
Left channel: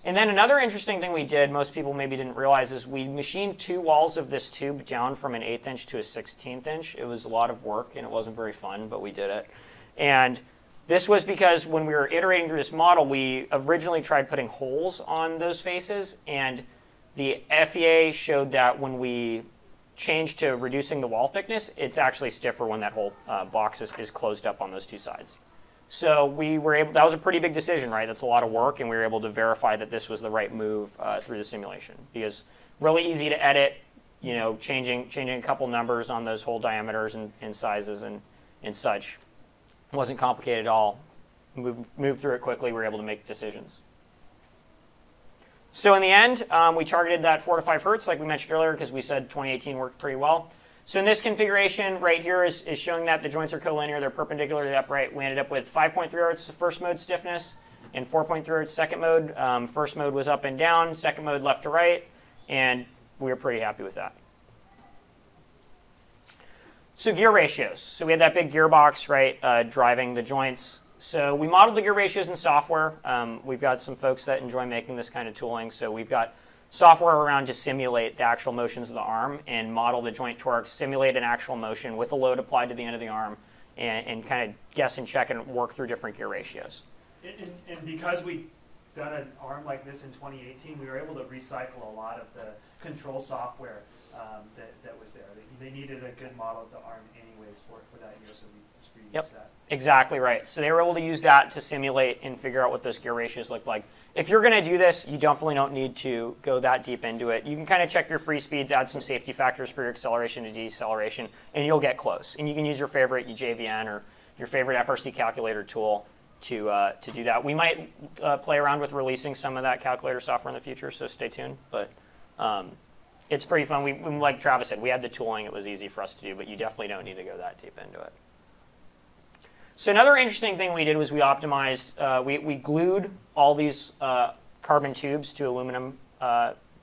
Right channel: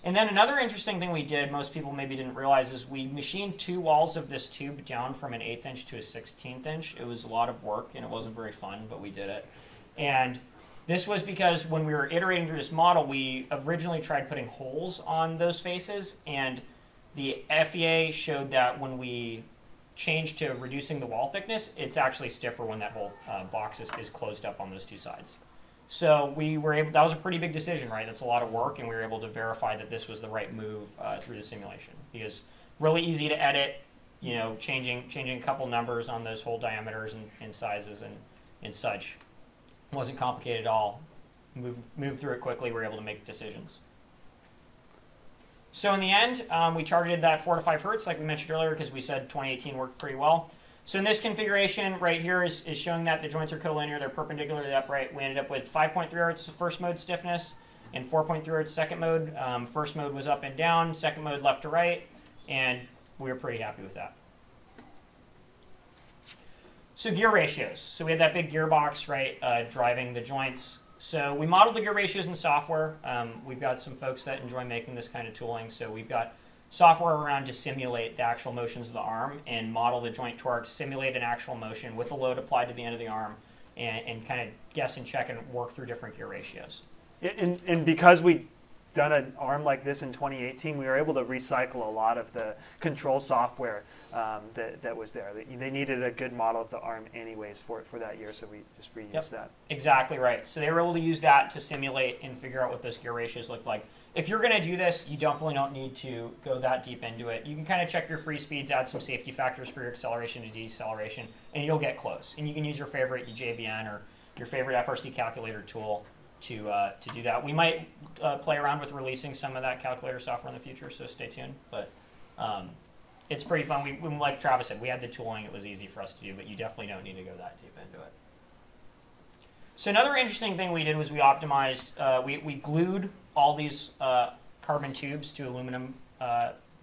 And then another interesting thing we did, most people maybe didn't realize, is we machined 2 walls of this tube down from an 1/8 inch to a 1/16 inch. It was a lot of work, and it wasn't very fun, but we did it. And this was because when we were iterating through this model, we originally tried putting holes on those faces, and the FEA showed that when we changed to reducing the wall thickness, it's actually stiffer when that whole box is closed up on those 2 sides. So we were able, that was a pretty big decision, right? That's a lot of work, and we were able to verify that this was the right move through the simulation. Because really easy to edit, changing a couple numbers on those hole diameters and sizes and such. It wasn't complicated at all. Moved through it quickly, we were able to make decisions. So in the end, we targeted that 4 to 5 hertz, like we mentioned earlier, because we said 2018 worked pretty well. So in this configuration right here is showing that the joints are collinear, they're perpendicularly upright. We ended up with 5.3 hertz first mode stiffness and 4.3 hertz second mode. First mode was up and down, second mode left to right, and we were pretty happy with that. So gear ratios. So we had that big gearbox, right, driving the joints. So we modeled the gear ratios in software. We've got some folks that enjoy making this kind of tooling. So we've got software around to simulate the actual motions of the arm and model the joint torques, simulate an actual motion with a load applied to the end of the arm, and kind of guess and check and work through different gear ratios. And because we done an arm like this in 2018, we were able to recycle a lot of the control software that was there. They needed a good model of the arm anyways for that year, so we just reused that. Exactly right. So they were able to use that to simulate and figure out what those gear ratios look like. If you're going to do this, you definitely don't need to go that deep into it. You can kind of check your free speeds, add some safety factors for your acceleration and deceleration, and you'll get close. And you can use your favorite JVN or your favorite FRC calculator tool to do that. We might play around with releasing some of that calculator software in the future, so stay tuned. But it's pretty fun. We, like Travis said, we had the tooling. It was easy for us to do, but you definitely don't need to go that deep into it. So another interesting thing we did was we optimized, we glued all these carbon tubes to aluminum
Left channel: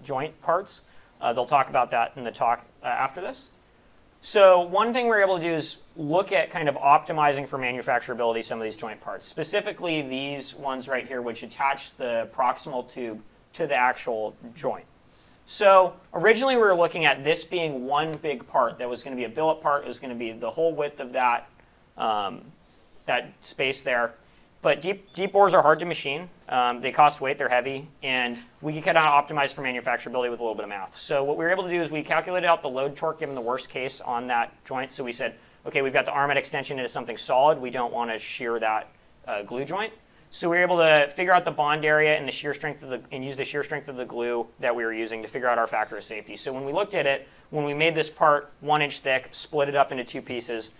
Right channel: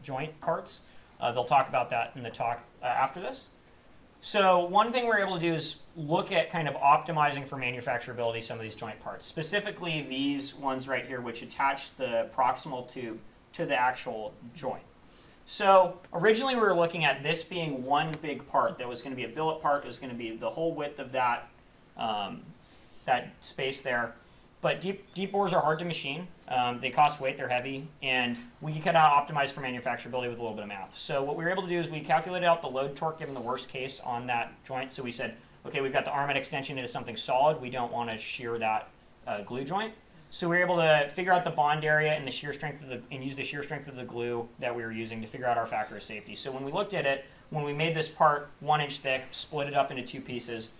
joint parts. They'll talk about that in the talk after this. So one thing we're able to do is look at kind of optimizing for manufacturability some of these joint parts, specifically these ones right here, which attach the proximal tube to the actual joint. So originally we were looking at this being one big part that was going to be a billet part. It was going to be the whole width of that, that space there. But deep bores are hard to machine. They cost weight, they're heavy, and we can kind of optimize for manufacturability with a little bit of math. So what we were able to do is we calculated out the load torque given the worst case on that joint. So we said, okay, we've got the arm at extension into something solid. We don't want to shear that glue joint. So we were able to figure out the bond area and the shear strength and use the shear strength of the glue that we were using to figure out our factor of safety. So when we looked at it, when we made this part 1 inch thick, split it up into 2 pieces,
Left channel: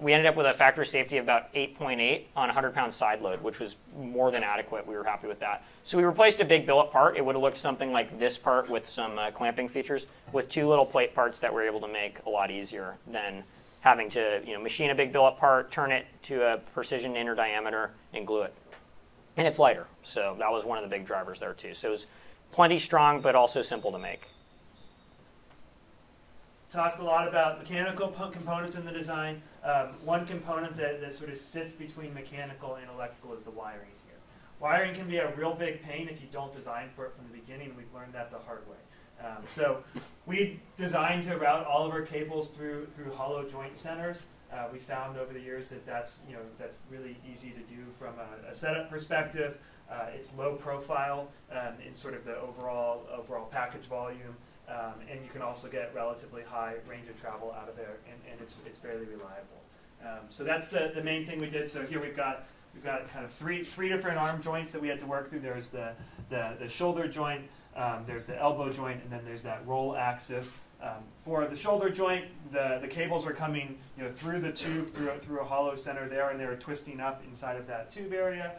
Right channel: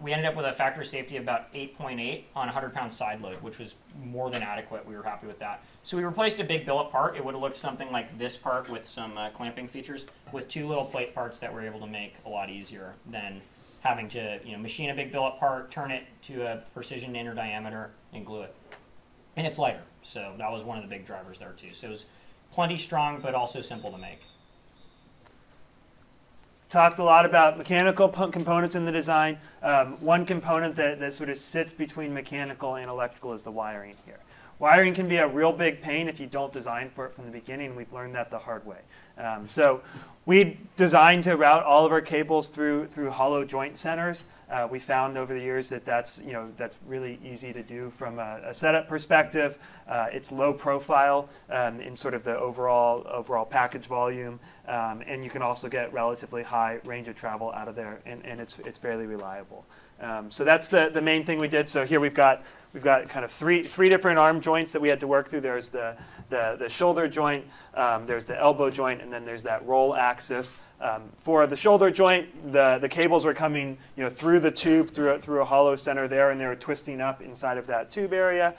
we ended up with a factor of safety of about 8.8 on a 100-pound side load, which was more than adequate. We were happy with that. So we replaced a big billet part. It would have looked something like this part with some clamping features with 2 little plate parts that we're able to make a lot easier than having to machine a big billet part, turn it to a precision inner diameter, and glue it. And it's lighter, so that was one of the big drivers there too. So it was plenty strong, but also simple to make. Talked a lot about mechanical components in the design. One component that sort of sits between mechanical and electrical is the wiring here. Wiring can be a real big pain if you don't design for it from the beginning. We've learned that the hard way. So we designed to route all of our cables through hollow joint centers. We found over the years that that's really easy to do from a setup perspective. It's low profile in sort of the overall package volume, and you can also get relatively high range of travel out of there, and it's fairly reliable. So that's the main thing we did. So here we've got kind of three different arm joints that we had to work through. There's the shoulder joint, there's the elbow joint, and then there's that roll axis. For the shoulder joint, the cables were coming through the tube, through a hollow center there, and they were twisting up inside of that tube area.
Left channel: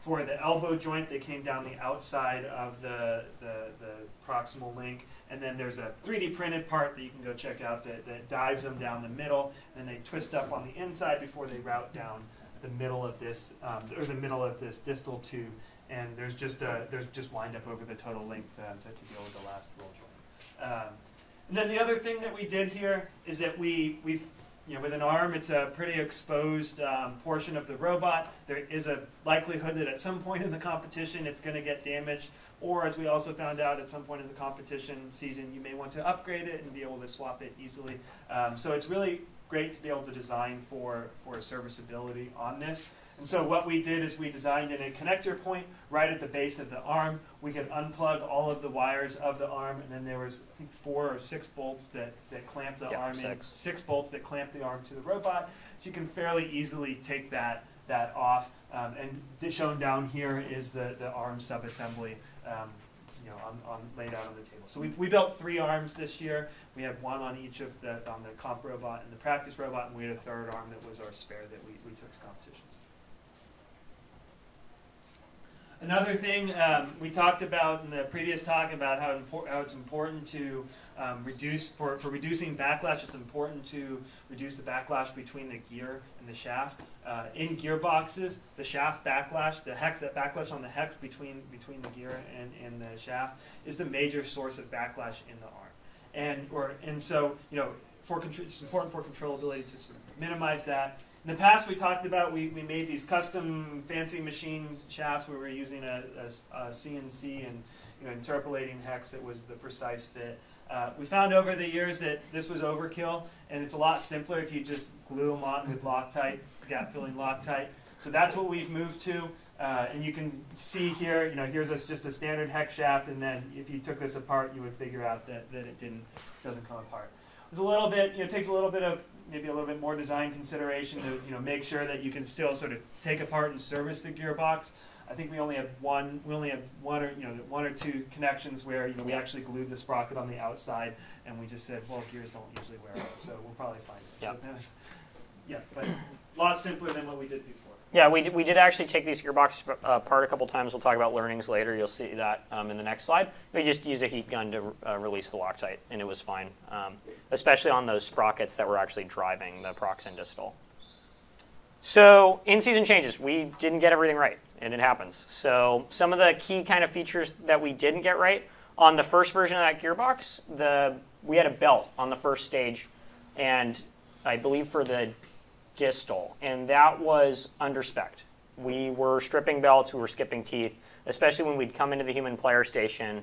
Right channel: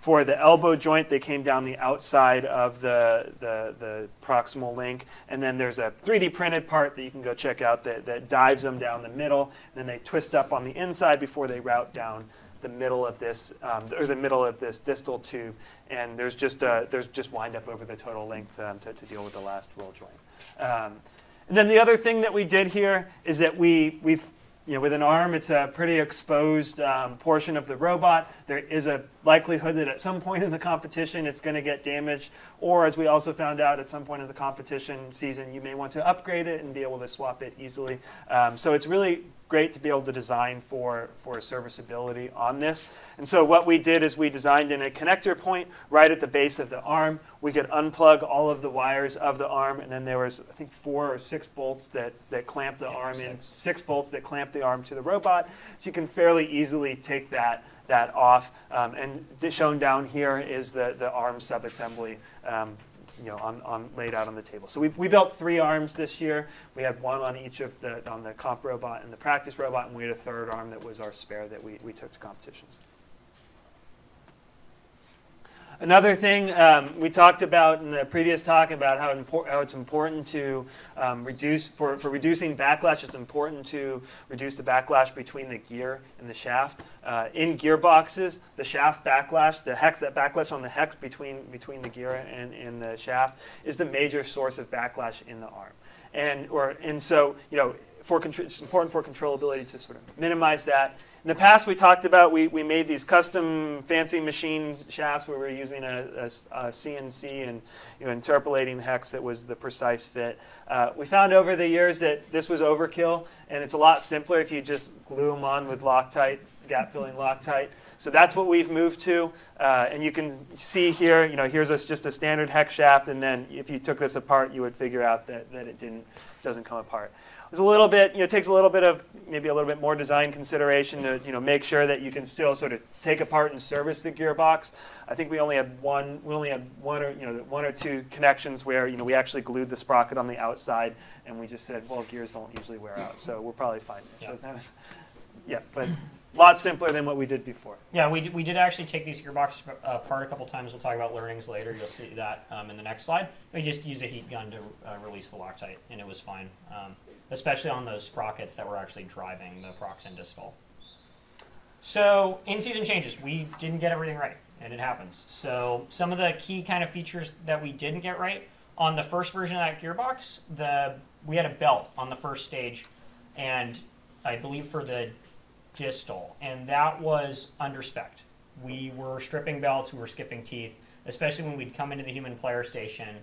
For the elbow joint, they came down the outside of the proximal link, and then there's a 3D printed part that you can go check out that dives them down the middle, and then they twist up on the inside before they route down the middle of this distal tube, and there's just wind up over the total length to deal with the last roll joint. And then the other thing that we did here is that we've with an arm, it's a pretty exposed portion of the robot. There is a likelihood that at some point in the competition it's going to get damaged, or as we also found out at some point in the competition season, you may want to upgrade it and be able to swap it easily. So it's really great to be able to design for serviceability on this. And so what we did is we designed in a connector point right at the base of the arm. We could unplug all of the wires of the arm, and then there was, I think, 4 or 6 bolts that clamp the arm in. 6 bolts that clamp the arm to the robot. So you can fairly easily take that off. And shown down here is the arm subassembly. Laid out on the table. So we built 3 arms this year. We had 1 on each on the comp robot and the practice robot, and we had a 3rd arm that was our spare that we took to competitions. Another thing we talked about in the previous talk about how it's important to reducing backlash. It's important to reduce the backlash between the gear and the shaft. In gearboxes, the shaft backlash, that backlash on the hex between the gear and the shaft is the major source of backlash in the arm. And so it's important for controllability to sort of minimize that. In the past, we talked about we made these custom fancy machine shafts where we were using a CNC and interpolating the hex that was the precise fit. We found over the years that this was overkill, and it's a lot simpler if you just glue them on with Loctite, gap-filling Loctite. So that's what we've moved to, and you can see here. Here's just a standard hex shaft, and then if you took this apart, you would figure out that it doesn't come apart. It's a little bit, it takes a little bit of maybe a little bit more design consideration to make sure that you can still sort of take apart and service the gearbox. I think we only had one or two connections where we actually glued the sprocket on the outside, and we just said, well, gears don't usually wear out, so we're probably fine. Yeah. So that was, but a lot simpler than what we did before. Yeah, we did actually take these gearboxes apart a couple times. We'll talk about learnings later. You'll see that in the next slide. We just used a heat gun to release the Loctite, and it was fine, especially on those sprockets that were actually driving the prox and distal. So in-season changes, we didn't get everything right, and it happens. So some of the key kind of features that we didn't get right, on the first version of that gearbox, we had a belt on the first stage, and I believe for the distal, and that was under-spec'd. We were stripping belts, we were skipping teeth, especially when we'd come into the human player station.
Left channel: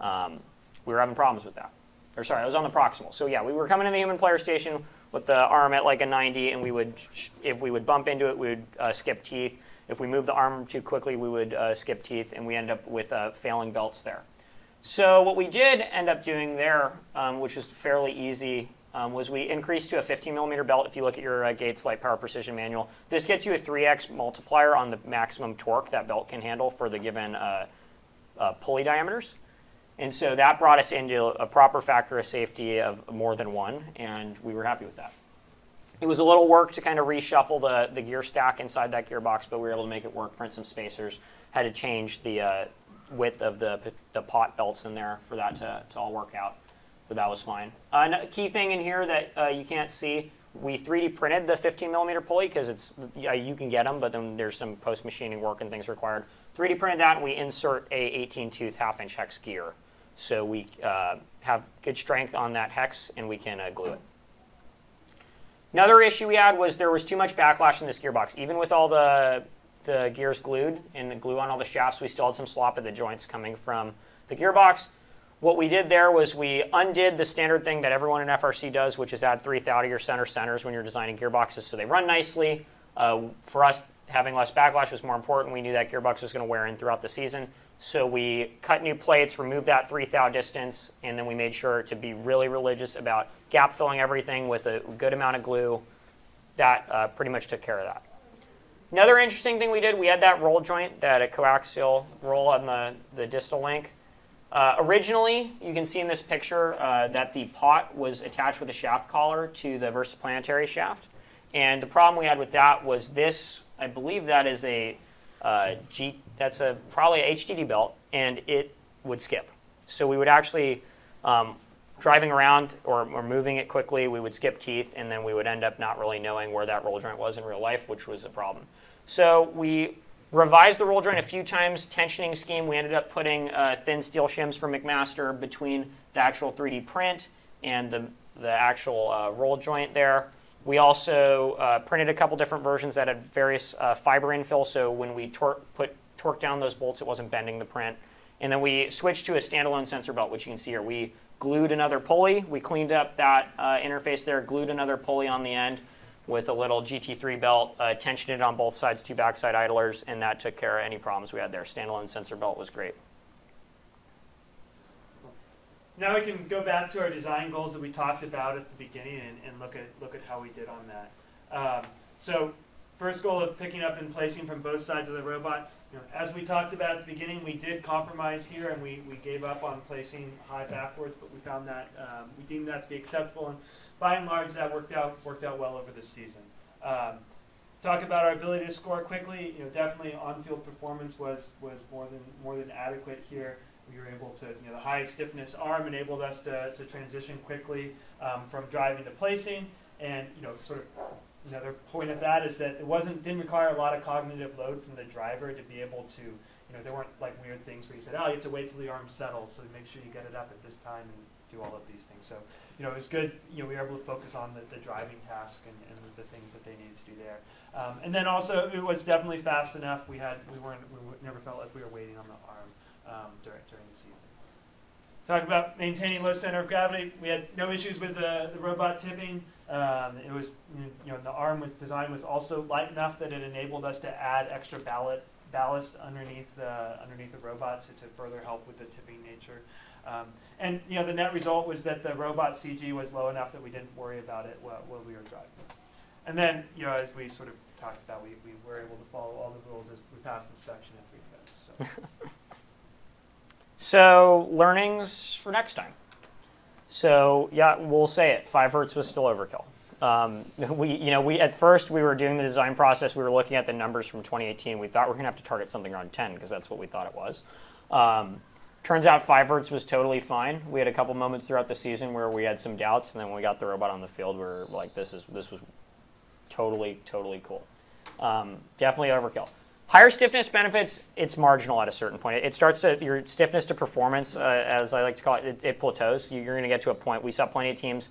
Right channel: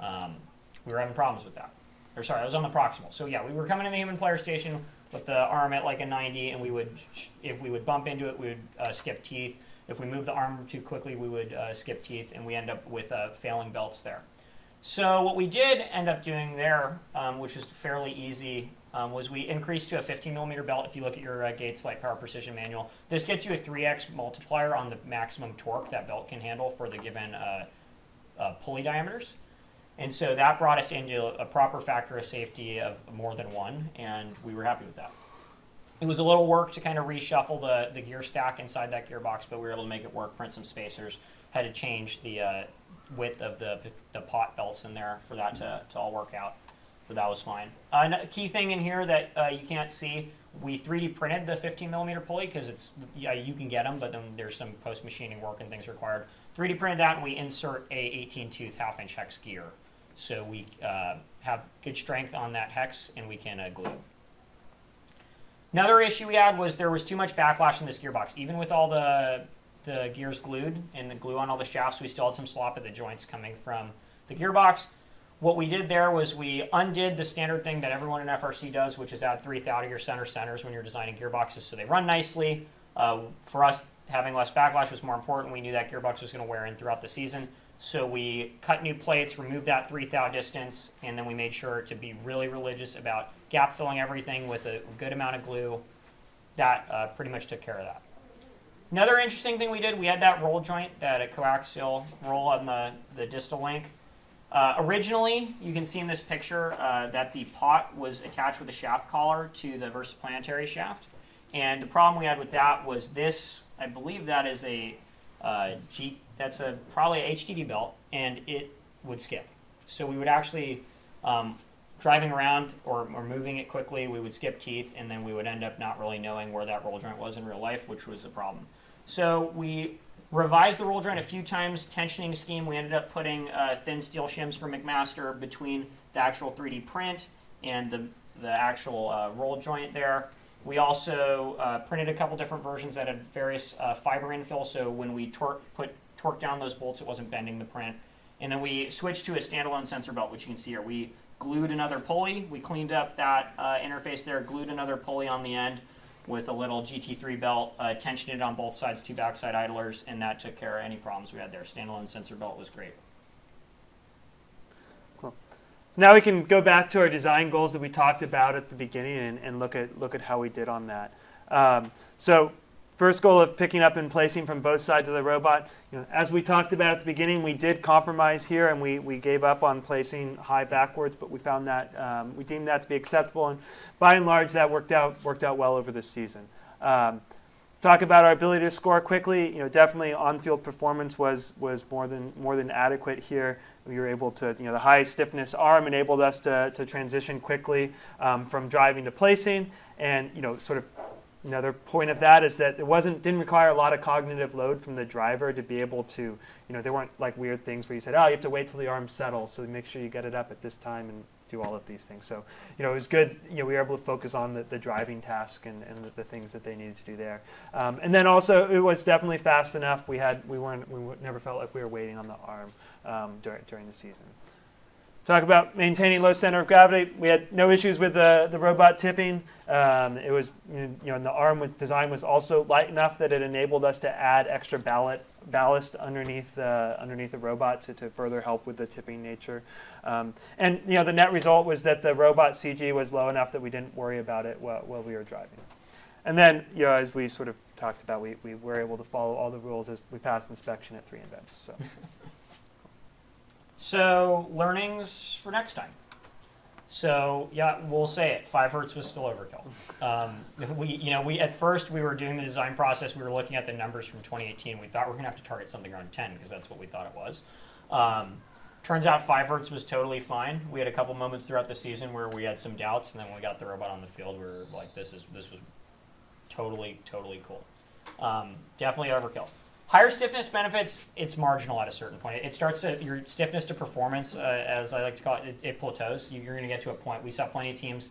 We were having problems with that. Or sorry, I was on the proximal. So yeah, we were coming in the human player station with the arm at like a 90, and if we would bump into it, we would skip teeth. If we moved the arm too quickly, we would skip teeth, and we end up with failing belts there. So what we did end up doing there, which is fairly easy was we increased to a 15 millimeter belt. If you look at your Gates Light Power Precision manual, this gets you a 3x multiplier on the maximum torque that belt can handle for the given pulley diameters. And so that brought us into a proper factor of safety of more than 1, and we were happy with that. It was a little work to kind of reshuffle the gear stack inside that gearbox, but we were able to make it work, print some spacers, had to change the width of the pot belts in there for that to all work out, but that was fine. A key thing in here that you can't see, we 3D printed the 15 millimeter pulley because you can get them, but then there's some post-machining work and things required. 3D printed that, and we insert a 18-tooth half-inch hex gear. So we have good strength on that hex, and we can glue it. Another issue we had was there was too much backlash in this gearbox. Even with all the gears glued and the glue on all the shafts, we still had some slop at the joints coming from the gearbox. What we did there was we undid the standard thing that everyone in FRC does, which is add 3 thou to your centers when you're designing gearboxes so they run nicely. For us, having less backlash was more important. We knew that gearbox was going to wear in throughout the season. So we cut new plates, removed that 3 thou distance, and then we made sure to be really religious about gap filling everything with a good amount of glue. That pretty much took care of that. Another interesting thing we did, we had that roll joint, that coaxial roll on the distal link. Originally, you can see in this picture that the pot was attached with a shaft collar to the versaplanetary shaft. And the problem we had with that was this, I believe that is that's probably a HDD belt, and it would skip. So we would actually, driving around or moving it quickly, we would skip teeth, and then we would end up not really knowing where that roll joint was in real life, which was a problem. So we revised the roll joint a few times, tensioning scheme. We ended up putting thin steel shims from McMaster between the actual 3D print and the actual roll joint there. We also printed a couple different versions that had various fiber infill, so when we torque down those bolts, it wasn't bending the print. And then we switched to a standalone sensor belt, which you can see here. We glued another pulley. We cleaned up that interface there, glued another pulley on the end with a little GT3 belt, tensioned it on both sides, 2 backside idlers, and that took care of any problems we had there. Standalone sensor belt was great. Cool. So now we can go back to our design goals that we talked about at the beginning and look at how we did on that. So first goal of picking up and placing from both sides of the robot. As we talked about at the beginning, we did compromise here, and we gave up on placing high backwards, but we found that we deemed that to be acceptable, and by and large, that worked out well over this season. Talk about our ability to score quickly. Definitely on-field performance was more than adequate here. We were able to, the high stiffness arm enabled us to transition quickly from driving to placing, and sort of. Another point of that is that it didn't require a lot of cognitive load from the driver to be able to, there weren't like weird things where you said, oh, you have to wait till the arm settles, so make sure you get it up at this time and do all of these things. So, it was good. We were able to focus on the driving task and the things that they needed to do there. And then also, it was definitely fast enough. We never felt like we were waiting on the arm during the season. Talk about maintaining low center of gravity. We had no issues with the robot tipping. It was, the arm design was also light enough that it enabled us to add extra ballast underneath the robot to further help with the tipping nature. And the net result was that the robot CG was low enough that we didn't worry about it while we were driving. And then, as we sort of talked about, we were able to follow all the rules as we passed inspection at 3 events. So. So learnings for next time. So yeah, we'll say it. 5 hertz was still overkill. We at first we were doing the design process. We were looking at the numbers from 2018. We thought we were gonna have to target something around 10 because that's what we thought it was. Turns out 5 hertz was totally fine. We had a couple moments throughout the season where we had some doubts, and then when we got the robot on the field, we were like, this was totally cool. Definitely overkill. Higher stiffness benefits, it's marginal at a certain point. It starts to, your stiffness to performance, as I like to call it, it plateaus. You're going to get to a point. We saw plenty of teams.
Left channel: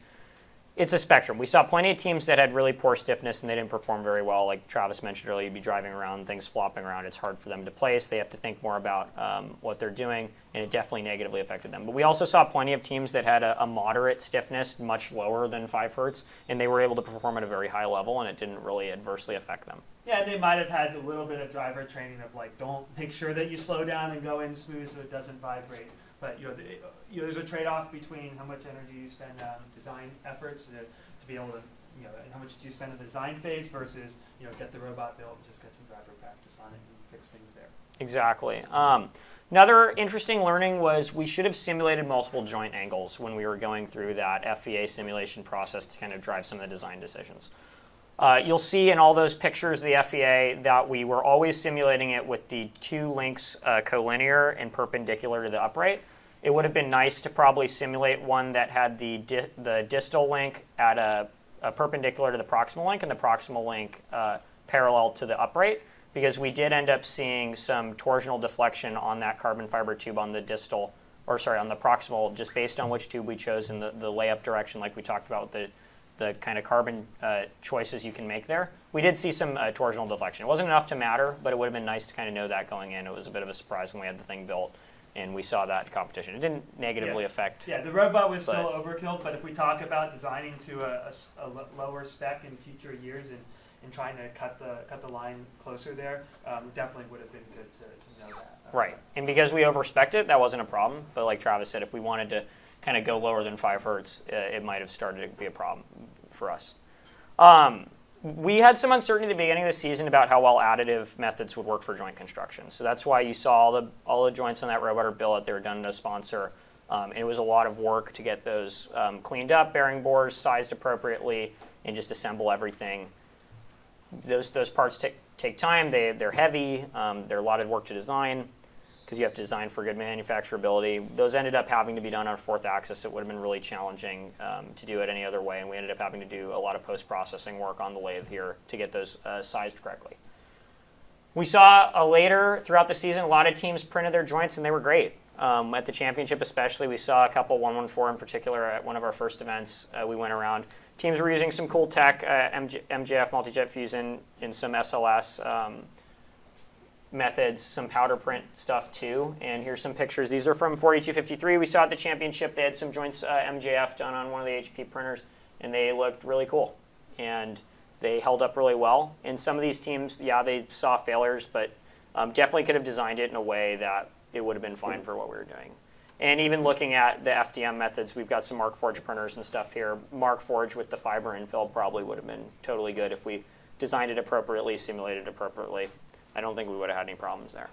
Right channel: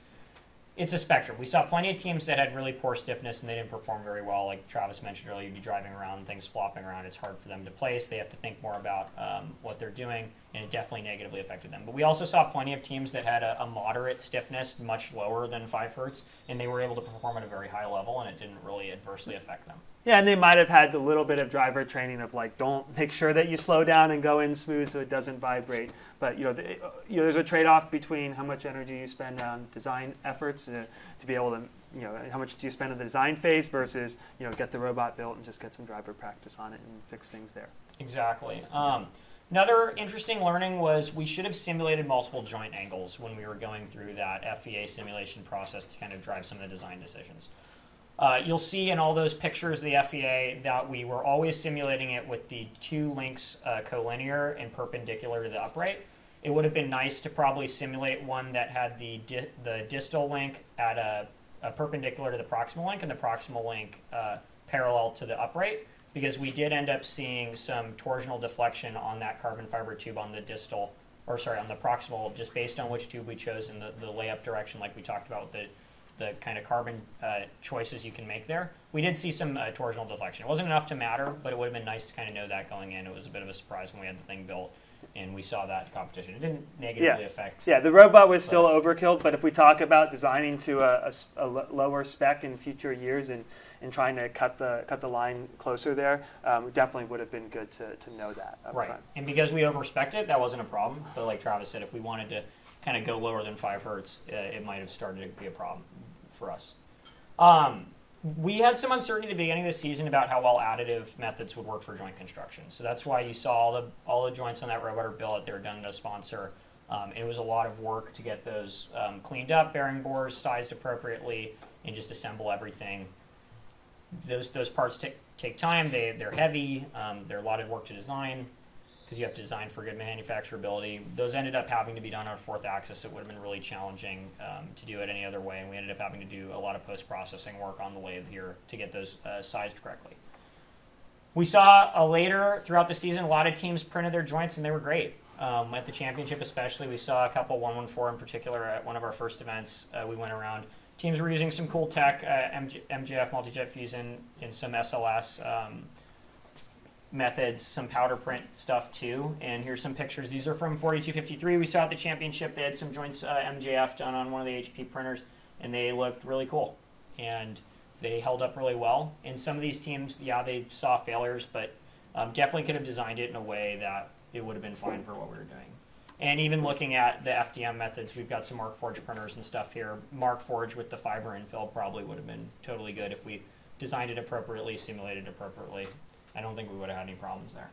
It's a spectrum. We saw plenty of teams that had really poor stiffness and they didn't perform very well. Like Travis mentioned earlier, you'd be driving around, things flopping around. It's hard for them to place. They have to think more about what they're doing, and it definitely negatively affected them. But we also saw plenty of teams that had a moderate stiffness, much lower than 5 hertz, and they were able to perform at a very high level, and it didn't really adversely affect them. Yeah, and they might have had a little bit of driver training of like, don't make sure that you slow down and go in smooth so it doesn't vibrate. But there's a trade-off between how much energy you spend on design efforts to be able to, how much do you spend on the design phase versus, get the robot built and just get some driver practice on it and fix things there. Exactly. Another interesting learning was we should have simulated multiple joint angles when we were going through that FEA simulation process to kind of drive some of the design decisions. You'll see in all those pictures of the FEA that we were always simulating it with the two links collinear and perpendicular to the upright. It would have been nice to probably simulate one that had the distal link at a perpendicular to the proximal link and the proximal link parallel to the upright, because we did end up seeing some torsional deflection on that carbon fiber tube on the distal, on the proximal, just based on which tube we chose in the layup direction, like we talked about with the kind of carbon choices you can make there. We did see some torsional deflection. It wasn't enough to matter, but it would have been nice to kind of know that going in. It was a bit of a surprise when we had the thing built and we saw that competition. It didn't negatively affect. Yeah, the robot was still overkill, but if we talk about designing to a lower spec in future years and trying to cut the line closer there, definitely would have been good to know that. Right, and because we overspec'd it, that wasn't a problem. But like Travis said, if we wanted to kind of go lower than 5 hertz, it might have started to be a problem for us. We had some uncertainty at the beginning of the season about how well additive methods would work for joint construction. So that's why you saw all the joints on that robot are built. They were done at a sponsor. And it was a lot of work to get those cleaned up, bearing bores sized appropriately, and just assemble everything. Those parts take time. They're heavy. They're a lot of work to design because you have to design for good manufacturability. Those ended up having to be done on a 4th axis. It would have been really challenging to do it any other way, and we ended up having to do a lot of post-processing work on the lathe here to get those sized correctly. We saw later throughout the season, a lot of teams printed their joints, and they were great. At the championship especially, we saw a couple, 114 in particular, at one of our first events we went around. Teams were using some cool tech, MJF, multi-jet fusion, and some SLS methods, some powder print stuff too. And here's some pictures. These are from 4253. We saw at the championship they had some joints MJF done on one of the HP printers, and they looked really cool. And they held up really well. And some of these teams, yeah, they saw failures, but definitely could have designed it in a way that it would have been fine for what we were doing. And even looking at the FDM methods, we've got some Markforged printers and stuff here. Markforged with the fiber infill probably would have been totally good if we designed it appropriately, simulated it appropriately. I don't think we would have had any problems there.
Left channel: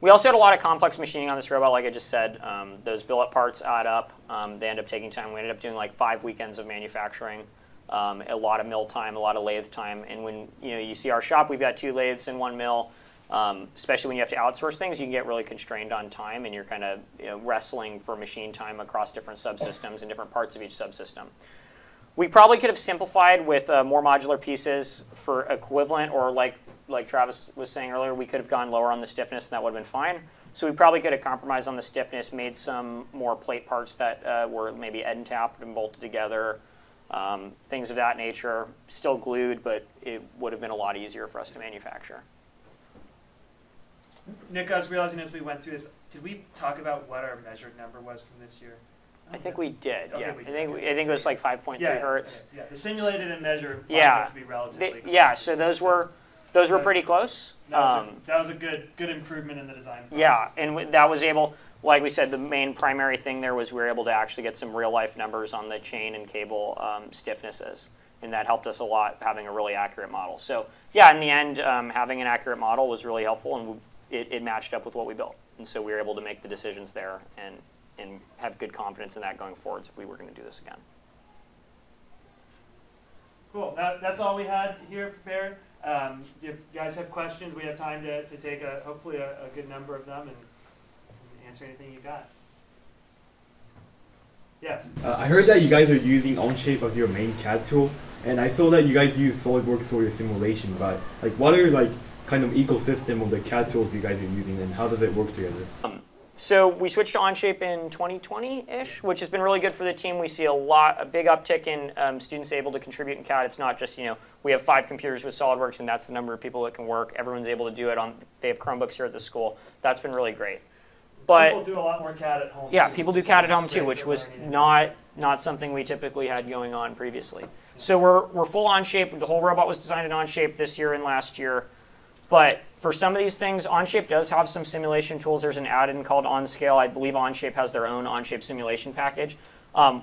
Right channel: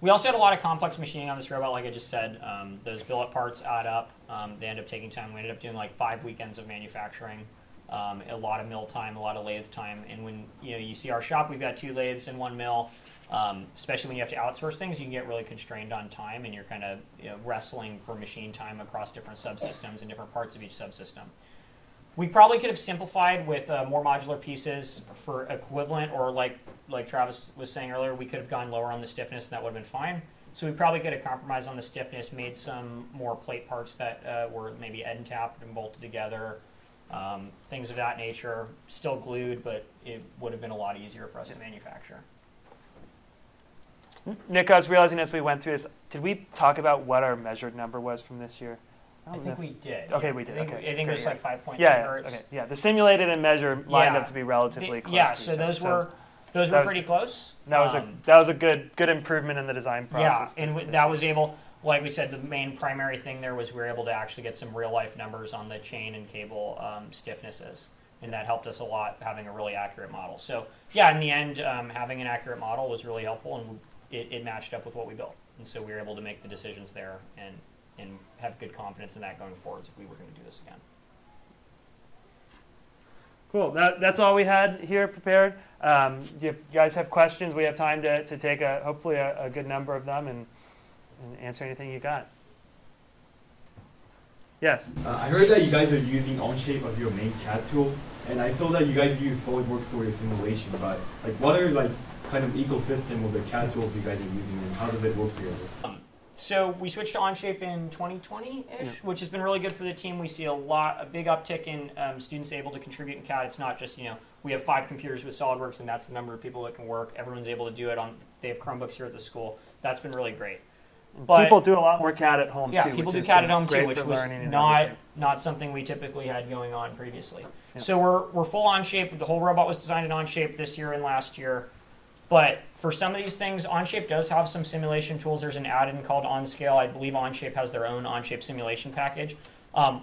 We also had a lot of complex machining on this robot, like I just said. Those billet parts add up. They end up taking time. We ended up doing like 5 weekends of manufacturing, a lot of mill time, a lot of lathe time. And when you see our shop, we've got 2 lathes and 1 mill. Especially when you have to outsource things, you can get really constrained on time, and you're kind of wrestling for machine time across different subsystems and different parts of each subsystem. We probably could have simplified with more modular pieces for equivalent, or like Travis was saying earlier, we could have gone lower on the stiffness, and that would have been fine. So we probably could have compromised on the stiffness, made some more plate parts that were maybe end tapped and bolted together, things of that nature. Still glued, but it would have been a lot easier for us to manufacture. Nick, I was realizing as we went through this, did we talk about what our measured number was from this year? I think we did. Okay, yeah. we did. I think it was like 5.3 hertz. Okay. Yeah, the simulated and measured lined up to be relatively close. Yeah, so those were pretty close. That was a good improvement in the design process. Yeah, and that was able, like we said, the main primary thing there was we were able to actually get some real life numbers on the chain and cable stiffnesses. And that helped us a lot, having a really accurate model. So yeah, in the end, having an accurate model was really helpful, and it matched up with what we built. And so we were able to make the decisions there and have good confidence in that going forwards if we were going to do this again. Cool. That's all we had here prepared. If you guys have questions, we have time to take hopefully a good number of them and answer anything you got. Yes? I heard that you guys are using Onshape as your main CAD tool, and I saw that you guys use SolidWorks for your simulation, but what are kind of ecosystem of the CAD tools you guys are using, and how does it work together? So we switched to Onshape in 2020-ish, which has been really good for the team. We see a big uptick in students able to contribute in CAD. It's not just, we have 5 computers with SolidWorks, and that's the number of people that can work. Everyone's able to do it they have Chromebooks here at the school. That's been really great. But people do a lot more CAD at home. yeah, too, people which do has CAD at been home too, great which for was learning and not something we typically had going on previously. Yeah. So we're full Onshape. The whole robot was designed in Onshape this year and last year. But for some of these things, Onshape does have some simulation tools. There's an add-in called OnScale. I believe Onshape has their own Onshape simulation package.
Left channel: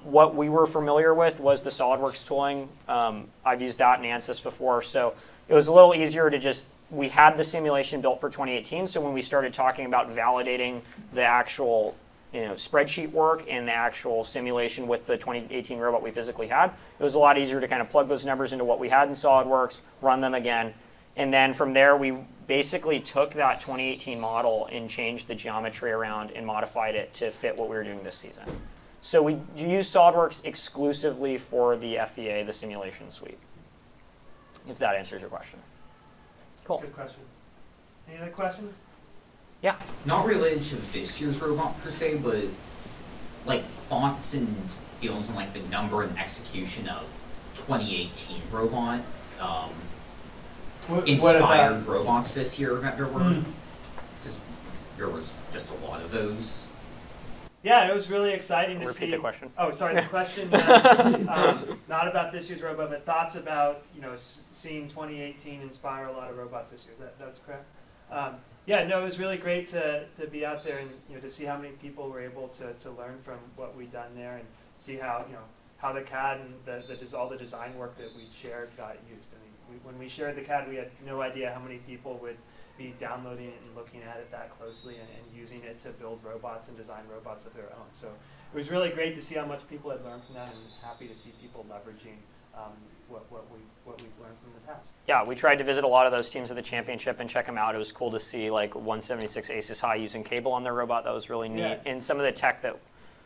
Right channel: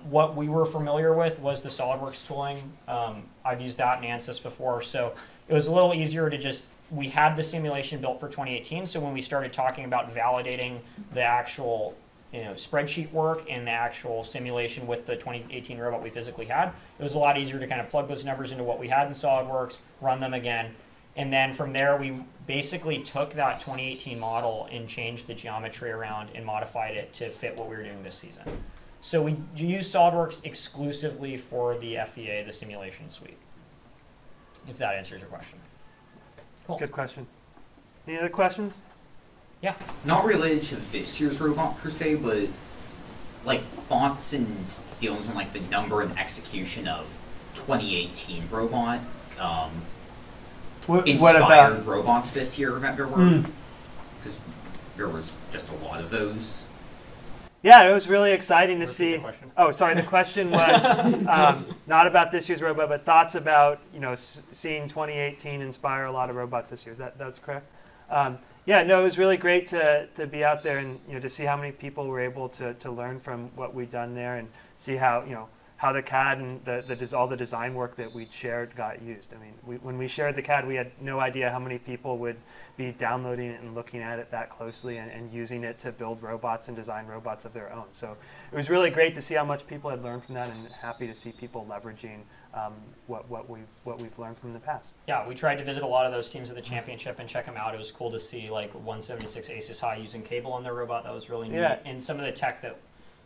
What we were familiar with was the SolidWorks tooling. I've used that in ANSYS before, so it was a little easier to just, we had the simulation built for 2018, so when we started talking about validating the actual spreadsheet work and the actual simulation with the 2018 robot we physically had, it was a lot easier to kind of plug those numbers into what we had in SolidWorks, run them again, and then from there we basically took that 2018 model and changed the geometry around and modified it to fit what we were doing this season. So we use SolidWorks exclusively for the FEA, the simulation suite, if that answers your question. Cool. Good question. Any other questions? Yeah. Not related to this year's robot per se, but like thoughts and feelings on like the number and execution of 2018 robot. What Inspired about robots this year that there were, because there was just a lot of those. Yeah, it was really exciting to Repeat see. the question. Oh, sorry. The question was not about this year's robot, but thoughts about seeing 2018 inspire a lot of robots this year. That's correct. Yeah, no, it was really great to be out there and to see how many people were able to learn from what we'd done there and see how how the CAD and all the design work that we'd shared got used. I mean, when we shared the CAD, we had no idea how many people would be downloading it and looking at it that closely and using it to build robots and design robots of their own. So it was really great to see how much people had learned from that, and happy to see people leveraging what we've learned from the past. Yeah, we tried to visit a lot of those teams at the championship and check them out. It was cool to see like 176 Aces High using cable on their robot. That was really neat. Yeah. And some of the tech that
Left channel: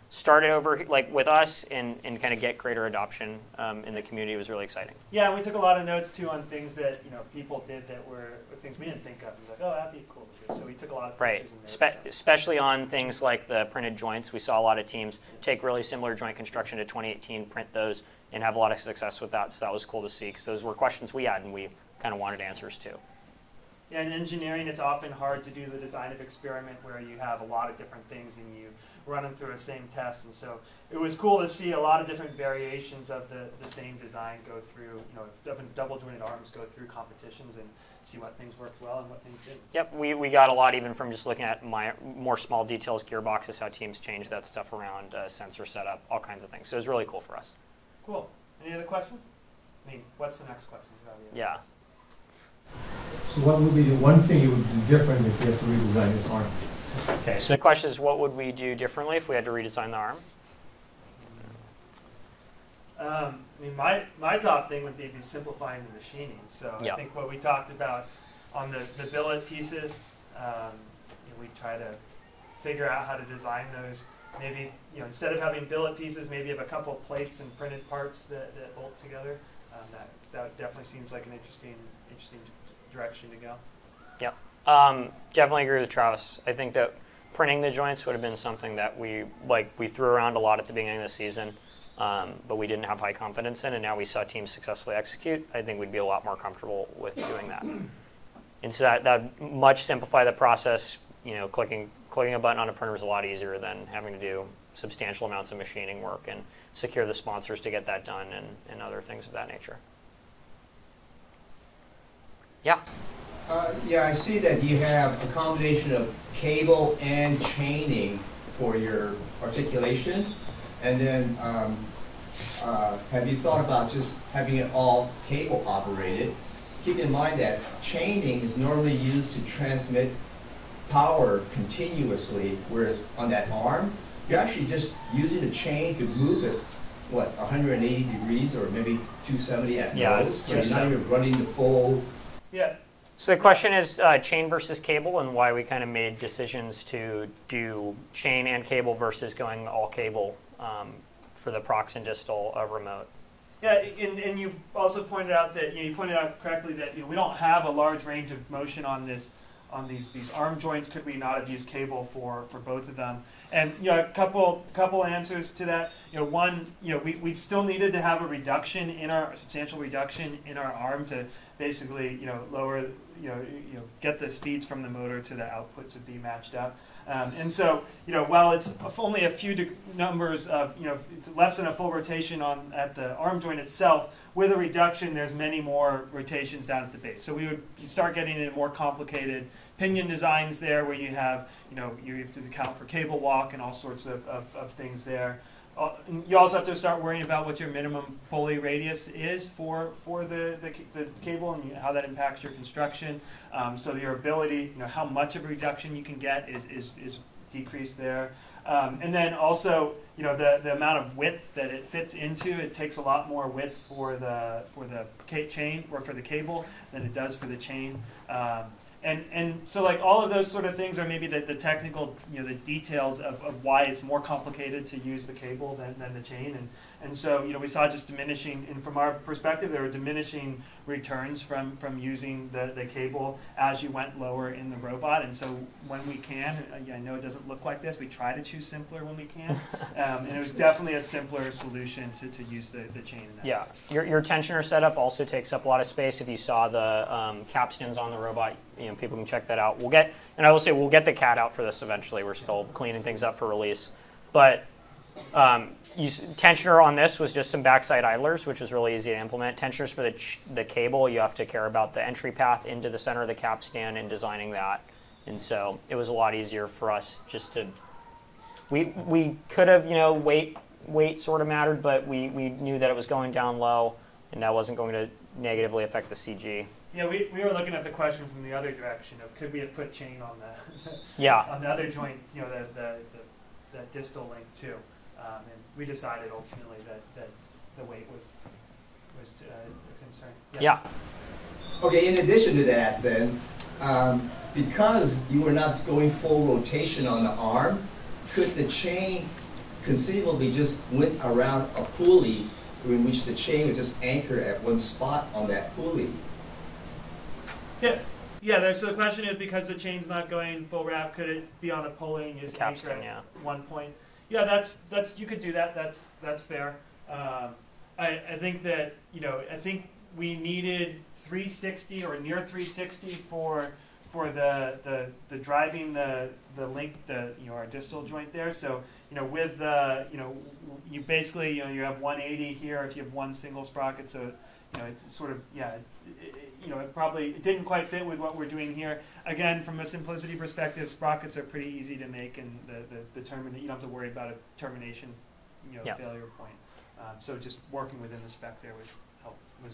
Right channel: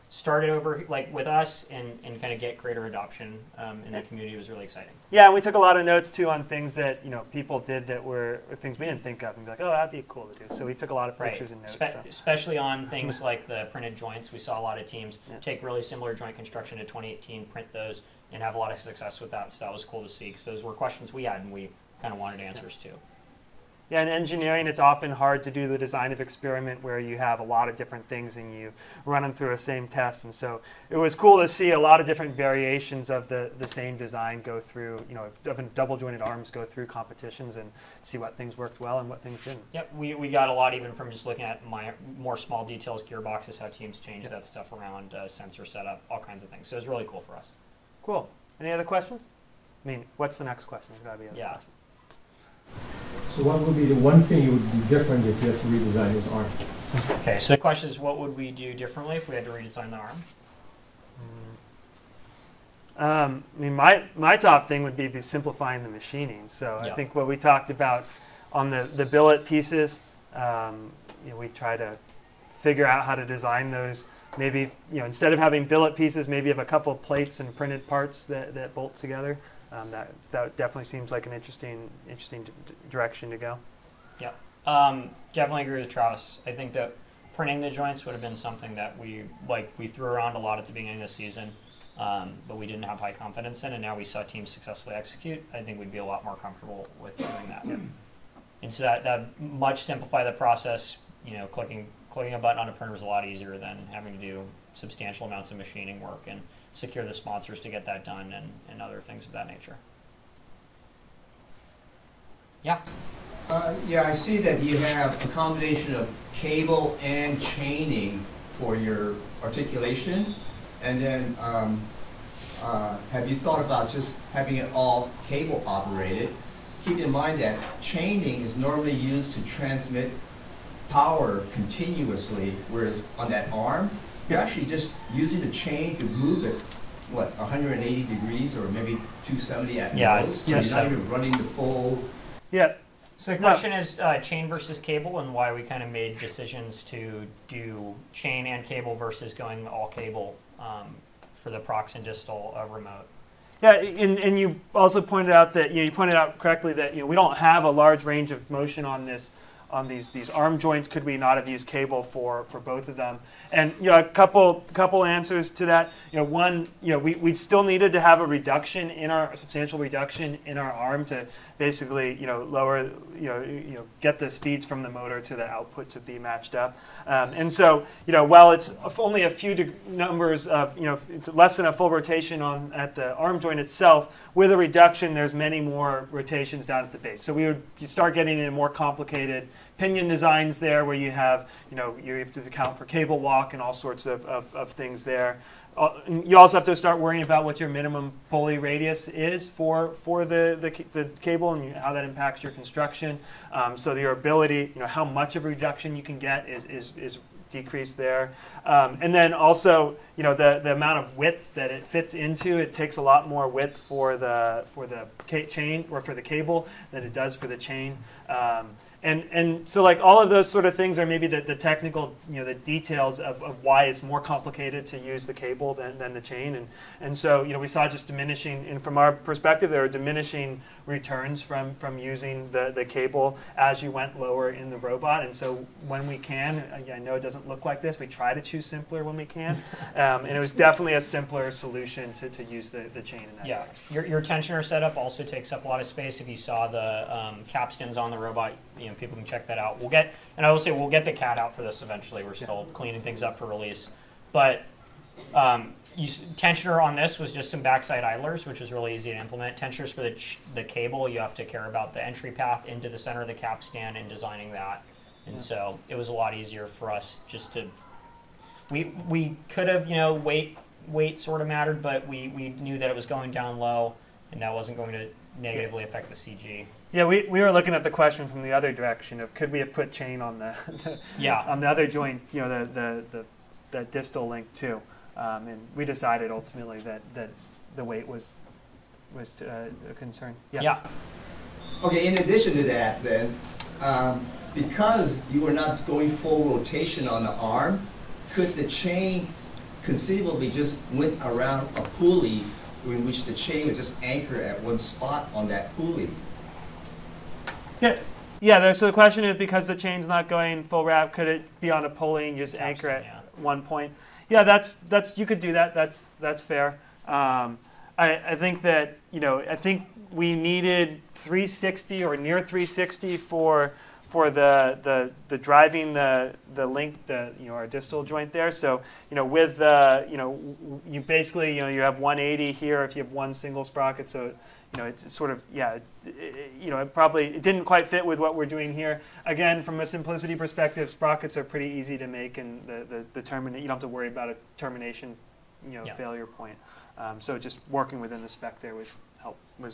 started over like with us and kind of get greater adoption in the community was really exciting. Yeah, and we took a lot of notes too on things that people did that were things we didn't think of, and be like, oh, that'd be cool to do. So we took a lot of pictures and notes. Especially on things like the printed joints. We saw a lot of teams take really similar joint construction to 2018, print those, and have a lot of success with that. So that was cool to see because those were questions we had and we kind of wanted answers to. Yeah, in engineering, it's often hard to do the design of experiment where you have a lot of different things and you run them through a same test. And so it was cool to see a lot of different variations of the same design go through, double jointed arms go through competitions and see what things worked well and what things didn't. Yep, we got a lot even from just looking at more small details, gearboxes, how teams change that stuff around, sensor setup, all kinds of things. So it was really cool for us. Cool. Any other questions? I mean, what's the next question? There's gotta be a Yeah. So what would be the one thing you would do different if you had to redesign his arm? Okay, so the question is, what would we do differently if we had to redesign the arm? I mean, my top thing would be simplifying the machining. So I think what we talked about on the billet pieces, we try to figure out how to design those. Maybe instead of having billet pieces, maybe have a couple of plates and printed parts that bolt together. That definitely seems like an interesting direction to go. Yep. Definitely agree with Travis. I think that printing the joints would have been something that we threw around a lot at the beginning of the season, but we didn't have high confidence in, and now we saw teams successfully execute. I think we'd be a lot more comfortable with doing that. And so that much simplify the process. Clicking a button on a printer is a lot easier than having to do substantial amounts of machining work and secure the sponsors to get that done and other things of that nature. Yeah. Yeah, I see that you have a combination of cable and chaining for your articulation. And then have you thought about just having it all cable operated? Keep in mind that chaining is normally used to transmit power continuously, whereas on that arm, you're actually just using the chain to move it, 180 degrees or maybe 270 at most? So you're not even running the full... Yeah. So the question is chain versus cable and why we kind of made decisions to do chain and cable versus going all cable for the prox and distal remote. Yeah, and you also pointed out that you pointed out correctly that we don't have a large range of motion on these arm joints. Could we not have used cable for both of them? And a couple answers to that. One, we still needed to have a substantial reduction in our arm to basically, lower, get the speeds from the motor to the output to be matched up. And so, while it's only a few numbers of, it's less than a full rotation at the arm joint itself, with a reduction, there's many more rotations down at the base. So you start getting into more complicated pinion designs there, where you have, you have to account for cable walk and all sorts of things there. You also have to start worrying about what your minimum pulley radius is for the cable and how that impacts your construction. So your ability, how much of a reduction you can get is decreased there. And then also, the amount of width that it fits into, it takes a lot more width for the chain or for the cable than it does for the chain. And so like all of those sort of things are maybe the technical, the details of why it's more complicated to use the cable than the chain. And so, we saw just diminishing, and from our perspective, there were diminishing returns from using the cable as you went lower in the robot. And so when we can, I know it doesn't look like this, we try to choose simpler when we can. And it was definitely a simpler solution to use the chain in that. Yeah, your tensioner setup also takes up a lot of space. If you saw the capstans on the robot, people can check that out. We'll get the CAD out for this eventually. We're still cleaning things up for release. But tensioner on this was just some backside idlers, which is really easy to implement. Tensioners for the cable, you have to care about the entry path into the center of the capstan and designing that. And so it was a lot easier for us just to, we could have, weight sort of mattered, but we knew that it was going down low and that wasn't going to negatively affect the CG. Yeah, we were looking at the question from the other direction of could we have put chain on the on the other joint, the distal link too, and we decided ultimately that the weight was a concern. Yes. Yeah. Okay. In addition to that, then, because you were not going full rotation on the arm, could the chain conceivably just went around a pulley in which the chain would just anchor at one spot on that pulley? Yeah. So the question is, because the chain's not going full wrap, could it be on a pulley and just anchor at one point? Yeah, that's you could do that. That's fair. I think that I think we needed 360 or near 360 for the driving the link, our distal joint there. So with you basically you have 180 here if you have one single sprocket. So it's sort of it didn't quite fit with what we're doing here. Again, from a simplicity perspective, sprockets are pretty easy to make, and the terminate, you don't have to worry about a termination failure point. So just working within the spec there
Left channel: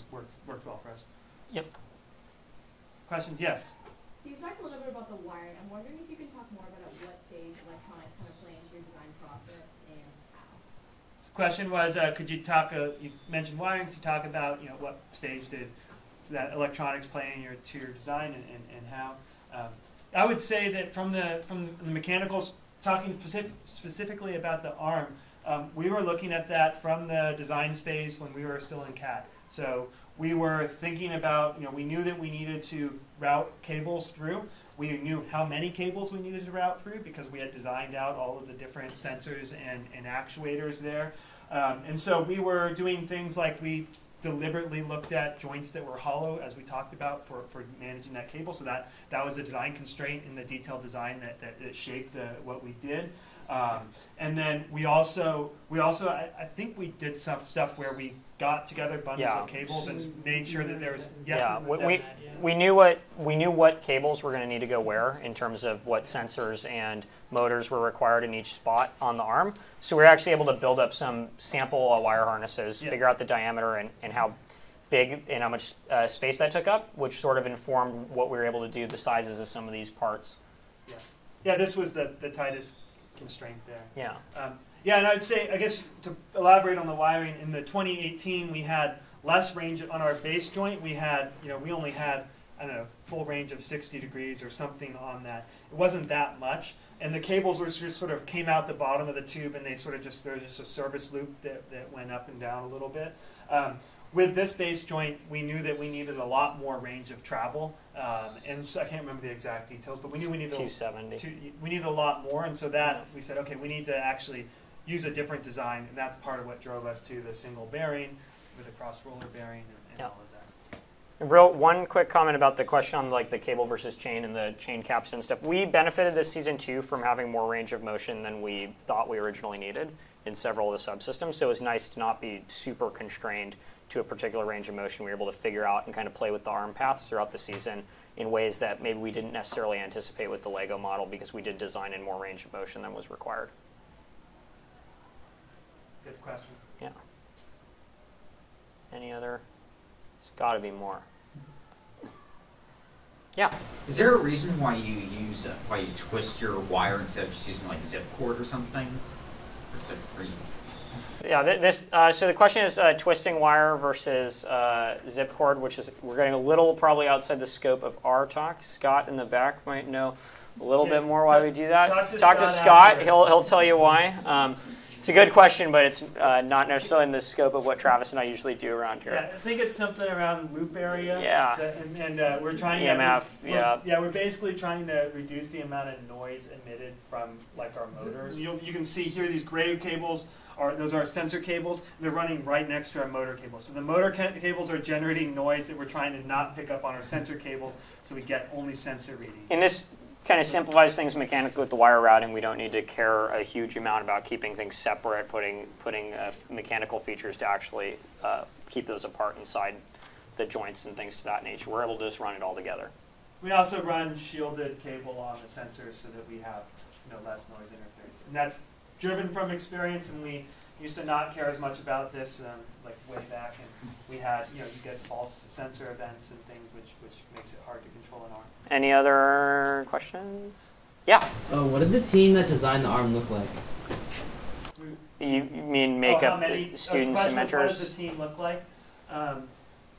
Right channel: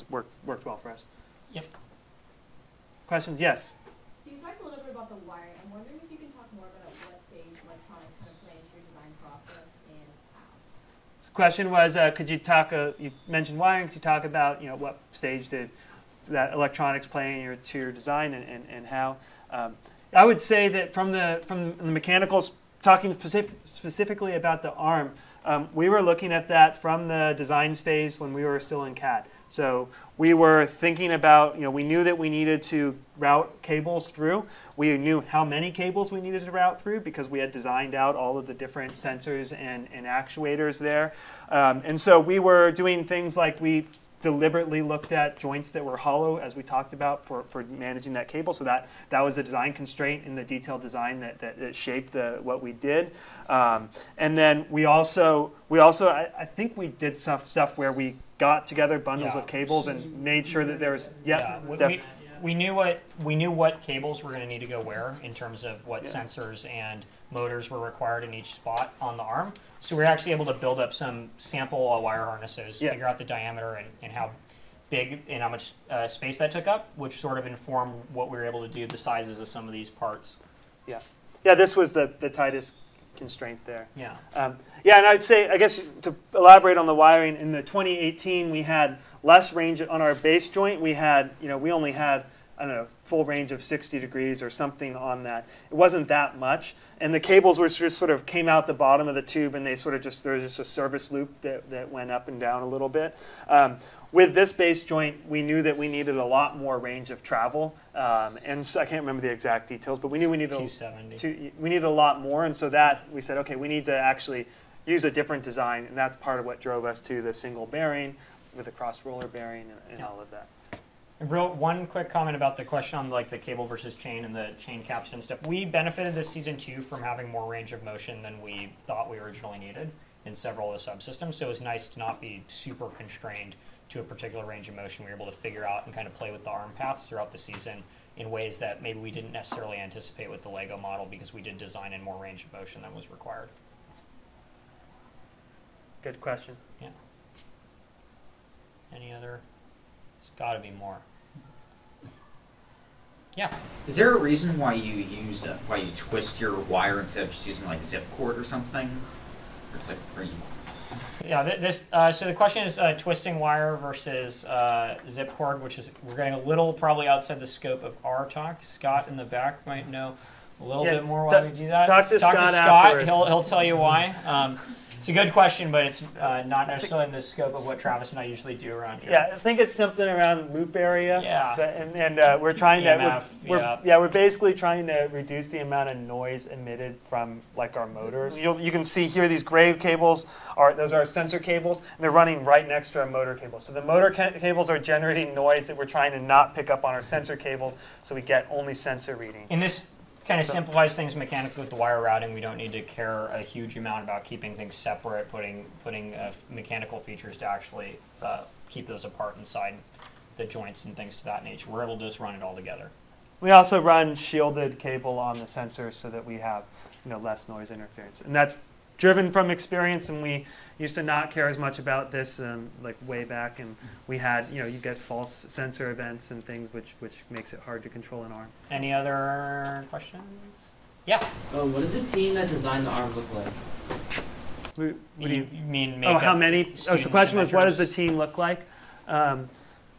worked well for us. Yep. Questions? Yes. So you talked a little bit about the wiring. I'm wondering if you can talk more about at what stage electronic kind of play into your design process and how. So the question was, could you talk? You mentioned wiring. Could you talk about what stage did that electronics play into your design and how? I would say that from the mechanicals, talking specifically about the arm, we were looking at that from the design phase when we were still in CAD. So we were thinking about, we knew that we needed to route cables through. We knew how many cables we needed to route through because we had designed out all of the different sensors and actuators there. And so we were doing things like we deliberately looked at joints that were hollow, as we talked about, for managing that cable. So that was a design constraint in the detailed design that shaped what we did. And then we also I think we did stuff where we got together bundles of cables and made sure that there was we knew what cables were going to need to go where in terms of what sensors and motors were required in each spot on the arm. So we were actually able to build up some sample wire harnesses, figure out the diameter and how big and how much space that took up, which sort of informed what we were able to do, the sizes of some of these parts. Yeah, this was the tightest constraint there. Yeah. And I'd say, I guess, to elaborate on the wiring, in the 2018 we had less range on our base joint. We had, we only had, I don't know, full range of 60 degrees or something on that. It wasn't that much. And the cables were just sort of came out the bottom of the tube, and they sort of there was just a service loop that went up and down a little bit. With this base joint, we knew that we needed a lot more range of travel, and so I can't remember the exact details, but we knew we needed 270. We needed a lot more, and so that we said, okay, we need to actually use a different design, and that's part of what drove us to the single bearing with the cross roller bearing and all of that. One quick comment about the question on like the cable versus chain and the chain caps and stuff. We benefited this season too from having more range of motion than we thought we originally needed in several of the subsystems. So it was nice to not be super constrained to a particular range of motion. We were able to figure out and kind of play with the arm paths throughout the season in ways that maybe we didn't necessarily anticipate with the Lego model because we did design in more range of motion than was required. Good question. Yeah. Any other? There's got to be more. Yeah. Is there a reason why you twist your wire instead of just using like zip cord or something? Or it's like, are you... Yeah. So the question is twisting wire versus zip cord, which is we're getting a little probably outside the scope of our talk. Scott in the back might know a little bit more why we do that. Talk to Scott. afterwards. He'll tell you why. It's a good question, but it's not necessarily in the scope of what Travis and I usually do around here. Yeah, I think it's something around loop area. Yeah. And we're trying EMF, to we're basically trying to reduce the amount of noise emitted from like our motors. You can see here these gray cables those are sensor cables, and they're running right next to our motor cables. So the motor cables are generating noise that we're trying to not pick up on our sensor cables, so we get only sensor reading. And this kind of simplifies things mechanically with the wire routing. We don't need to care a huge amount about keeping things separate, putting mechanical features to actually keep those apart inside the joints and things to that nature. We're able to just run it all together. We also run shielded cable on the sensors so that we have less noise interference, and that's driven from experience. And we used to not care as much about this like way back, and we had you get false sensor events and things which makes it hard to control an arm. Any other questions? Yeah. What did the team that designed the arm look like? You mean make how many? So the question was, what does the team look like?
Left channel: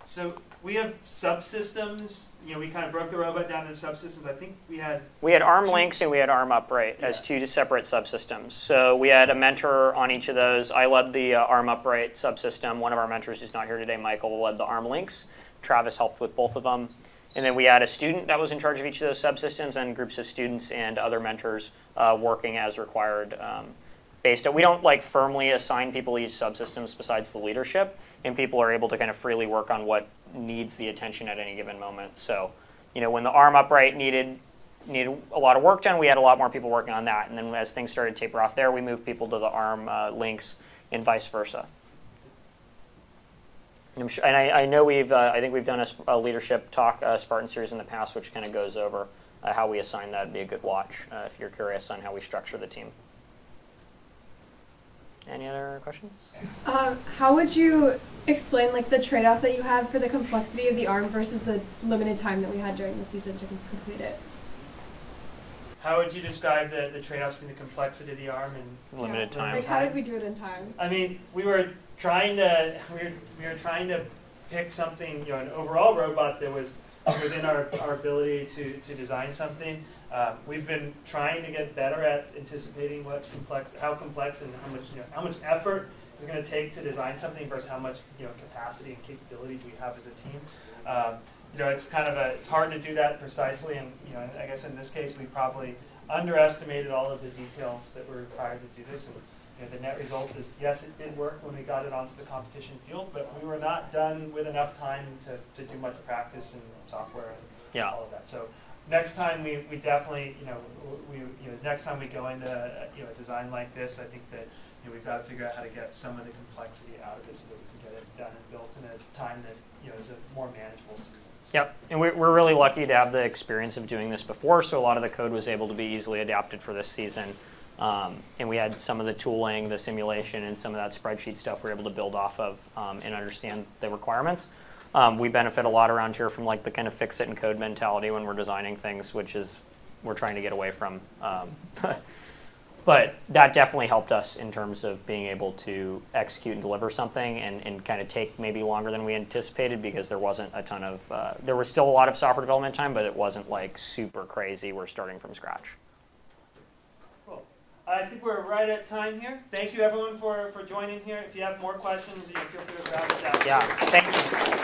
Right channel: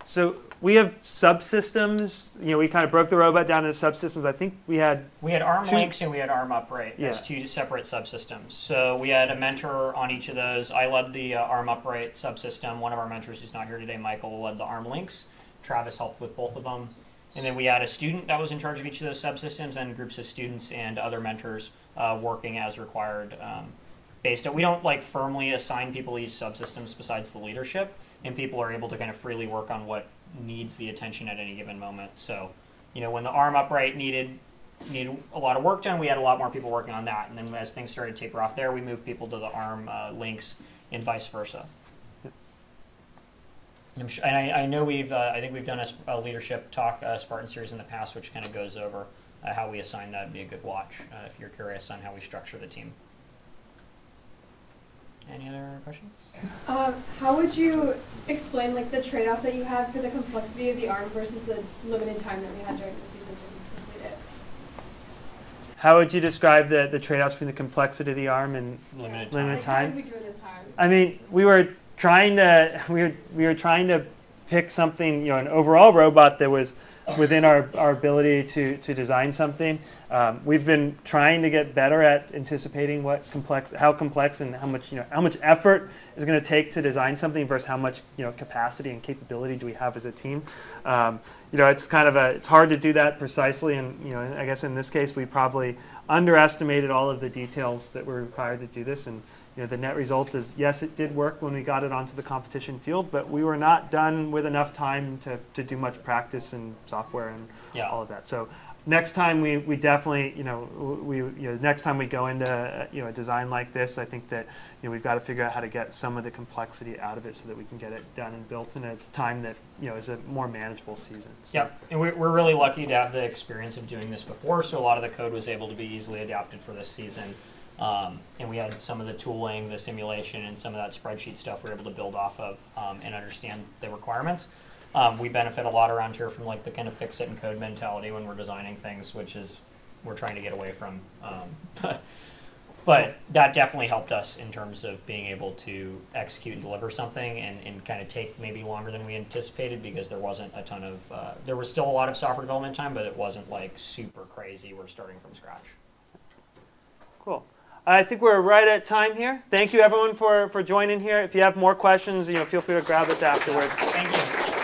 So we have subsystems. We kind of broke the robot down into subsystems. I think we had arm links and we had arm upright as two separate subsystems. So we had a mentor on each of those. I led the arm upright subsystem. One of our mentors who's not here today, Michael, led the arm links. Travis helped with both of them. And then we had a student that was in charge of each of those subsystems, and groups of students and other mentors working as required. We don't firmly assign people each subsystems besides the leadership, and people are able to kind of freely work on what needs the attention at any given moment. So, when the arm upright needed a lot of work done, we had a lot more people working on that. And then as things started to taper off there, we moved people to the arm links and vice versa. And I know I think we've done a leadership talk, Spartan Series in the past, which kind of goes over how we assign that. Would be a good watch if you're curious on how we structure the team. Any other questions? How would you explain the trade-off that you had for the complexity of the arm versus the limited time that we had during the season to complete it? How would you describe the trade-offs between the complexity of the arm and limited time? How did we do it in time? I mean, we were trying to pick something, an overall robot that was within our ability to design something. We've been trying to get better at anticipating how complex and how much effort is going to take to design something versus how much capacity and capability do we have as a team. It's it's hard to do that precisely, and I guess in this case we probably underestimated all of the details that were required to do this. And the net result is, yes, it did work when we got it onto the competition field, but we were not done with enough time to do much practice and software and all of that. So next time we definitely, next time we go into a design like this, I think that we've got to figure out how to get some of the complexity out of it so that we can get it done and built in a time that is a more manageable season. So. Yep, and we're really lucky to have the experience of doing this before, so a lot of the code was able to be easily adapted for this season. And we had some of the tooling, the simulation, and some of that spreadsheet stuff we were able to build off of and understand the requirements. We benefit a lot around here from the kind of fix it and code mentality when we're designing things, which is we're trying to get away from. But that definitely helped us in terms of being able to execute and deliver something and kind of take maybe longer than we anticipated because there wasn't a ton of, there was still a lot of software development time, but it wasn't super crazy. We're starting from scratch. Cool. I think we're right at time here. Thank you everyone for joining here. If you have more questions, feel free to grab us afterwards. Yeah, thank you.